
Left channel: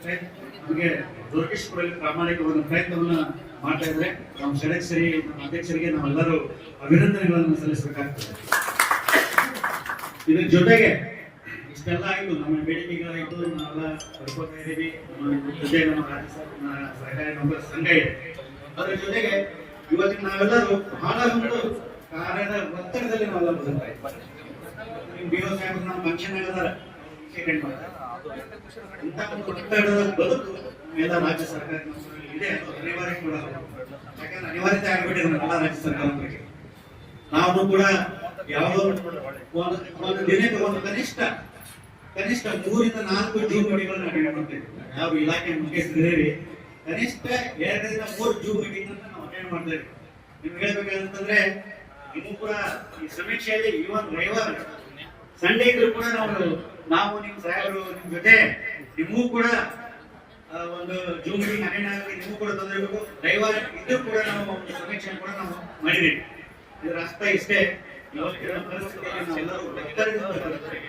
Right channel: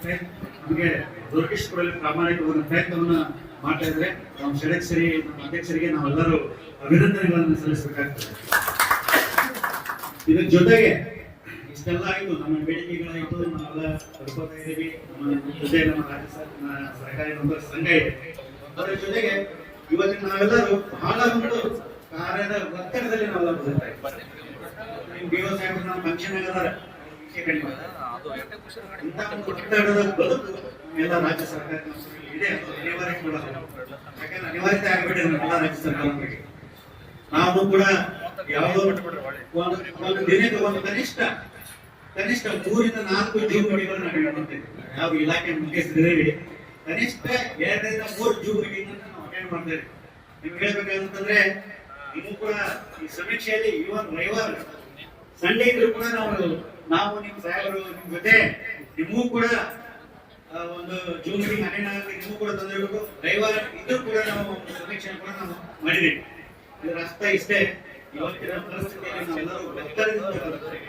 ನಮಗೆ ದೊರಕಿಸಿಕೊಡಲು ಪ್ರಾಮಾಣಿಕ ಒಂದು ಪ್ರಯತ್ನವನ್ನ ಮಾಡ್ತಾ ಇದ್ದಾರೆ. ನಮ್ಮ ಷಡಕ್ಷರಿ ನಮ್ಮ ಅಧ್ಯಕ್ಷರಿಗೆ ನಾವೆಲ್ಲರೂ ಅಭಿನಂದನೆಗಳನ್ನು ಸಲ್ಲಿಸಬೇಕಾಗ್ತದೆ. ಇದರ ಜೊತೆಗೆ ಇಷ್ಟೇ ಇಷ್ಟೆಲ್ಲ ಆಯ್ತು, ನಮ್ಮ ಬೇಡಿಕೆಗಳಾಯ್ತು, ನಾವೆಲ್ಲ ಪಡ್ಕೋತಾ ಇದ್ದೀವಿ. ನಮ್ಮ ಜೊತೆ ನಮ್ಮ ರಾಜ್ಯ ಸರ್ಕಾರಿ ನೌಕರರ ಸಂಘ ಇದೆ. ಅದರ ಜೊತೆಗೆ ಇವತ್ತಿನ ನಾವೆಲ್ಲರೂ ಬಹಳ ಒಂದು ಕಾರ್ಯದ ಒತ್ತಡದಲ್ಲಿ ನಾವೆಲ್ಲ ಬರ್ತಾ ಇದ್ದೀವಿ. BO ಸಾಹೇಬರು ನಮ್ಮ ಫಂಕ್ಷನ್ ಆಗದಾರ ವಿಷಯ ಕಡಿಮೆ ಮಾಡ್ತಾರೆ. ಇಂಥ ಒಂದು ಒತ್ತಡದ ಬದುಕು ನಮ್ಮೆಲ್ಲ ರಾಜ್ಯ ಸರ್ಕಾರಿ ನೌಕರರಲ್ಲಿ ಇದೆ, ಅದು ಅನಿವಾರ್ಯ ಕೂಡ. ಯಾಕಂದ್ರೆ ಅನಿವಾರ್ಯತೆ ಆಗಿಬಿಟ್ಟಿದೆ ನಮ್ಮೆಲ್ಲ ರಾಜ್ಯ ಸರ್ಕಾರಗಳಿಗೆ. ನಾವು ಕೂಡ ಯಾವುದೋ ಒಂದು ದಿನಕ್ಕೆ ಒಂದು ಕನಿಷ್ಠ 3 ರಿಂದ 4 ಜೂಮ್ ಮೀಟಿಂಗ್ ನಾವು ಮಾಡ್ತೇವೆ. ಯಾವ ಇಲಾಖೆ ಮುಖ್ಯಸ್ಥರಿದ್ದೀವಿ, ಕನಿಷ್ಠ 2 ರಿಂದ 3 ಜೂಮ್ ಮೀಟಿಂಗ್ ಅಂತ ನಾವು ಅಟೆಂಡ್ ಮಾಡ್ತೇವೆ. ನಿಮ್ಗೆ ಹೇಳ್ಬೇಕಂತಂದ್ರೆ ನೀವು ಕೂಡ ಈ ಸಮೀಕ್ಷೆಯಲ್ಲಿ ಇವನ್ ರವಿವಾರ ಸಂಡೇ ಇದ್ರು ಕೂಡ ನಾವು ನಿಮ್ಮ ಸಾಹೇಬರು ನಿಮ್ ಜೊತೆ ನಿಮಗೂ ಕೂಡ ಒಂದು ಜೂಮ್ ಮೀಟಿಂಗ್ ಅಟೆಂಡ್ ಆಗಿ ನಿಮಗೂ ಕೂಡ ತೊಂದರೆ ಬೇಕು. ರವಿವಾರ ಇದ್ರೂ ಕೂಡ ನಾವು ಸಮೀಕ್ಷೆ ಕೂಡ ನಾವು ಮಾಡಿದ್ದೀವಿ. ಇದರ ಅರ್ಥ ಇಷ್ಟೇ, ಇವತ್ತಿನ ಪರಿಸ್ಥಿತಿಯಲ್ಲಿ ನಾವೆಲ್ಲರೂ ಒತ್ತಡದಿಂದ ಬದುಕ್ತೇವೆ.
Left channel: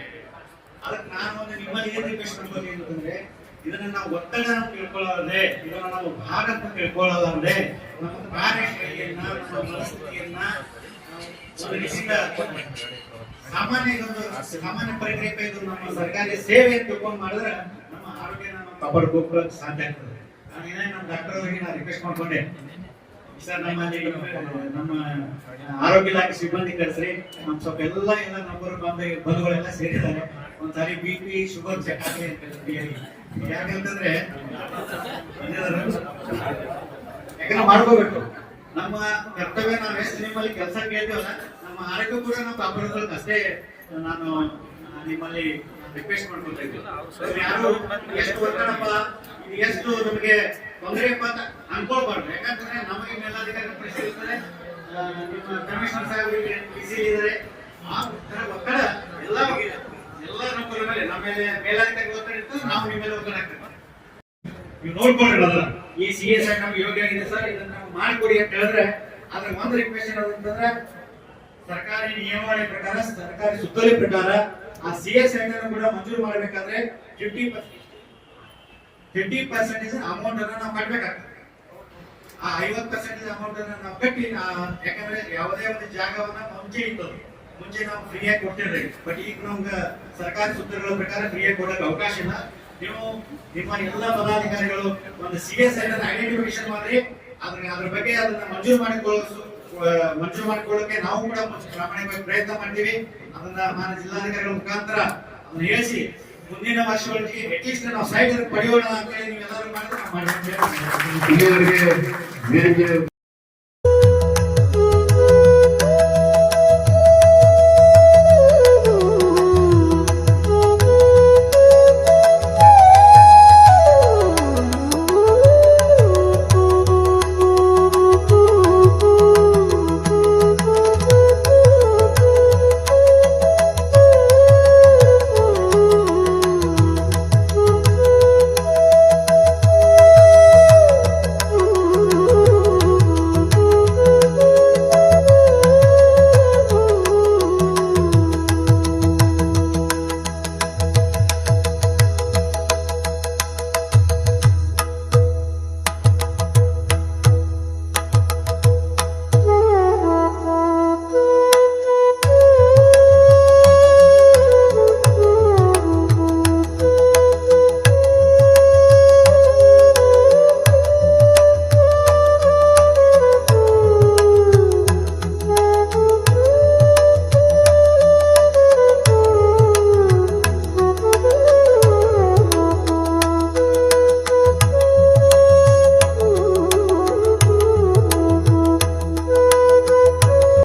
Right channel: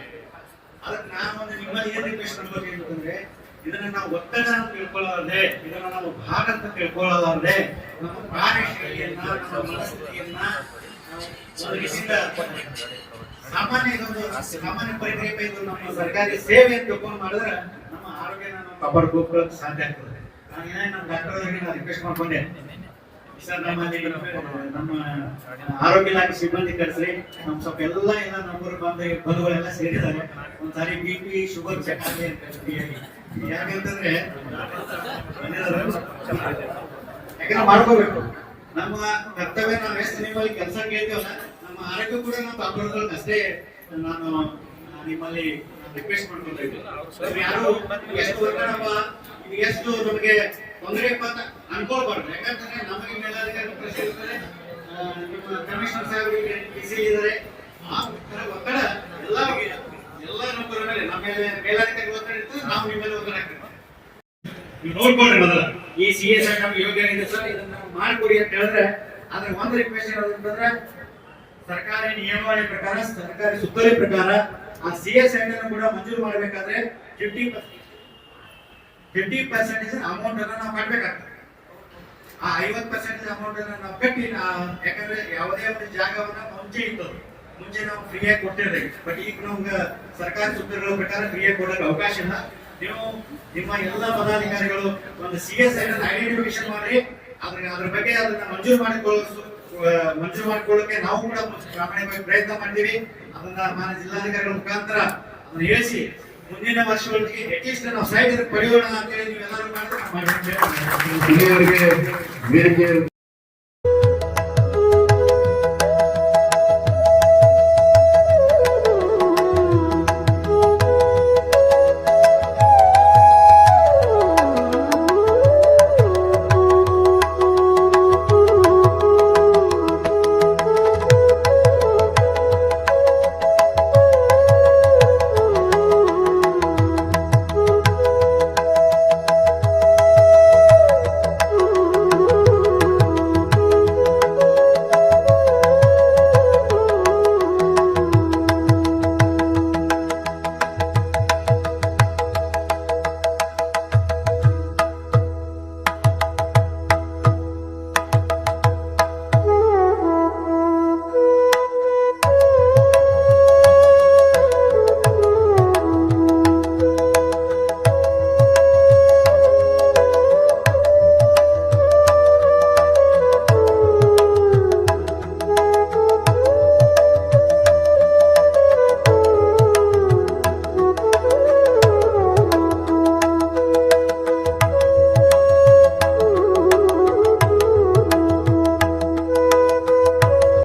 ಅದಕ್ಕೆ ನಾನು ಒಂದು ನಿಮ್ಮಲ್ಲಿ ಏನ್ ರಿಕ್ವೆಸ್ಟ್ ಮಾಡ್ಬೋದು ಅಂತಂದ್ರೆ, ಇದನ್ನ ನಾವು ಒತ್ತಡ ಅಂತ ತಿಳ್ಕೊಳ್ಳೋದೇ, ಇದನ್ನ ನಾವು ಭಾರ ಅಂತ ತಿಳ್ಕೊಳ್ಳೋದೇ, ನಮ್ಮ ಕಾರ್ಯಶೈಲಿಯನ್ನ, ನಮ್ಮ ಮನಸ್ಥಿತಿಯನ್ನ ಒಂದು ರೀತಿಯಿಂದ ಸಾಮಾನ್ಯ ಪ್ರಕ್ರಿಯೆ ಇದು ನಮ್ಮ ಸರ್ಕಾರಿ ಸೇವೆ ಅಂತ ತಿಳ್ಕೊಂಡು ಮಾಡಿದ್ರೆ ನಮ್ಮ ಆರೋಗ್ಯನ ನಾವು ಕಾಪಾಡ್ಕೋಕೆ ಸಾಧ್ಯ ಆಗ್ತದೆ. ನಾನು ಏನಾಗಿ ನಮ್ಮ ಡಾಕ್ಟರ್ ಅವರಿಗೆ ನಾನು ರಿಕ್ವೆಸ್ಟ್ ಮಾಡ್ಕೊಂಡೆ, ಸರ್ ನಮ್ಮಲ್ಲಿ ನಮ್ಮ ಆರೋಗ್ಯ ಇಲಾಖೆ ಸಿಬ್ಬಂದಿ ಕರೆಸ್ರಿ, ನಮ್ ಸ್ವಲ್ಪ ಎಲ್ಲ ನಮ್ಮೂರು ಬಂಧುಗಳೆಲ್ಲ ಸೇರಿದ್ದಾರೆ, ಒಂದ್ಸಾರಿ BP ಶುಗರ್ ಚೆಕ್ ಆಗಲಿ ಅಂತ ಹೇಳ್ತೀವಿ. ಯಾಕಂತಂದ್ರೆ ಯಾಕಂದ್ರೆ ಮಾಡ್ಕೋಬೇಕು, ನಮ್ಮ ಕರ್ತವ್ಯ. ನಾವು ಎಷ್ಟು ನಿಮ್ಮಲ್ಲಿ ಕೆಲಸ ಕೇಳ್ತೀವಲ್ಲ, ನಮ್ಮ ಆರೋಗ್ಯ ಕೂಡ ನಾವು ಕಾಪಾಡ್ಕೊಳ್ಳೋಕೆ ಅಷ್ಟೇ ನಾನು ನಿಮ್ಮಲ್ಲಿ ರಿಕ್ವೆಸ್ಟ್ ಮಾಡ್ಕೊತಾ ಇದ್ದೀನಿ. ಯಾರು ಎಷ್ಟು ಒತ್ತಡಪ್ಪ, ಎಷ್ಟು ನಮಗೆ ತೊಂದರೆ ಅಂತ ಅನ್ಕೊಳ್ಬಾರ್ದು. ಯಾಕಂತಂದ್ರೆ ನಮಗೆ ಮೇಲಾಧಿಕಾರಿ ಪ್ರಶ್ನೆ ಇರ್ತದೆ, ನಿಮ್ಮ ಕಮಿಷನರ್ ಸಾಹೇಬರಿಗೆ ಬಿಸಿ ಇದ್ದಾರೆ, ಆ ತರ ಒತ್ತಡ ಎಲ್ಲ ನಮ್ಮರ ಮೇಲೆ, ನಮ್ಮ ಮೇಲೆ ಮೇಲಾಧಿಕಾರಿ ಒತ್ತಡ ಇರ್ತದೆ, ನಾವು ನಿಮ್ಮ ಮೇಲೆ ಒತ್ತಡ ಆಗ್ತದೆ. ನೀವು ನೋಡ್ಕೊಳ್ರಿ ಮೊದಲ ಈ CS ನಮ್ಗೆ ಯೋಗ್ಯ ಆಗಿದೆ ಸರ್, ಇದನ್ನ ಮಾಡಿಕೊಡಿ ಅಂತ ಹೇಳಿದ್ರೆ, ಆದ್ರೆ ಒಂದು ರಿಕ್ವೆಸ್ಟ್ ಏನಂತಂದ್ರೆ, ಸರ್ಕಾರಿ ನಿಯಮಾವಳಿ ಪ್ರಕಾರ, ಸರ್ಕಾರಿ ಸುತ್ತೋಲೆ ಪ್ರಕಾರ ಆ CS ಕೂಡ ಮಂಜೂರು ಮಾಡಬೇಕಾದ್ರೆ 50% ಅಮೌಂಟ್ ಅನ್ನ ನಾವು ಕಟ್ಟಬೇಕಾಗ್ತದೆ. ಆ 50% ಅಮೌಂಟ್ ಅನ್ನ ನಾವು ಕಟ್ಟಿ, ಯಾಕಂದ್ರೆ ಯಾವುದೇ ಒಂದು ಜಾಗವನ್ನ ಮುಂಚೆ ನಾವು ಫ್ರೀಯಾಗಿ ಕೊಟ್ಟಿರ್ತೀವಿ. ಬಟ್ ಈಗ ನಮ್ಗೆ ಸರ್ಕಾರಿ ಸೂತ್ರಗಳ ಪ್ರಕಾರ ಫ್ರೀಯಾಗಿ ಕೊಡೋಕೆ ಅವಕಾಶ ಇಲ್ಲ. ನೀವು ನಿಮ್ಮ ಎಲ್ಲ ಪದಾಧಿಕಾರಿಗಳು ಒಂದು CS ಐಡೆಂಟಿಫಿಕೇಶನ್ ಮಾಡಿ ಅದ್ರ ಬಗ್ಗೆ ಅದನ್ನ ಮಂಜೂರು ಮಾಡಿಕೊಳ್ಳೋಕೆ ನಾವು ಕೂಡ ಪ್ರಾಮಾಣಿಕವಾಗಿ ಪ್ರಯತ್ನ ಮಾಡ್ತೀವಿ. ಅದನ್ನ ಮಾನ್ಯ ಜಿಲ್ಲಾಧಿಕಾರಿಗಳ ಮುಖಾಂತರ ಅದನ್ನ ಹೇಳಿಸಿ ಮುಂದಿನ ವರ್ಷಗಳಿಗೆ ಅಟ್ಲೀಸ್ಟ್ ನಾವು ಸೈಡ್ ಪಡೆಯೋಣ ಅಂತ ಹೇಳಿ ನೀವೆಲ್ಲರೂ ಮಾಡಿದ್ರೆ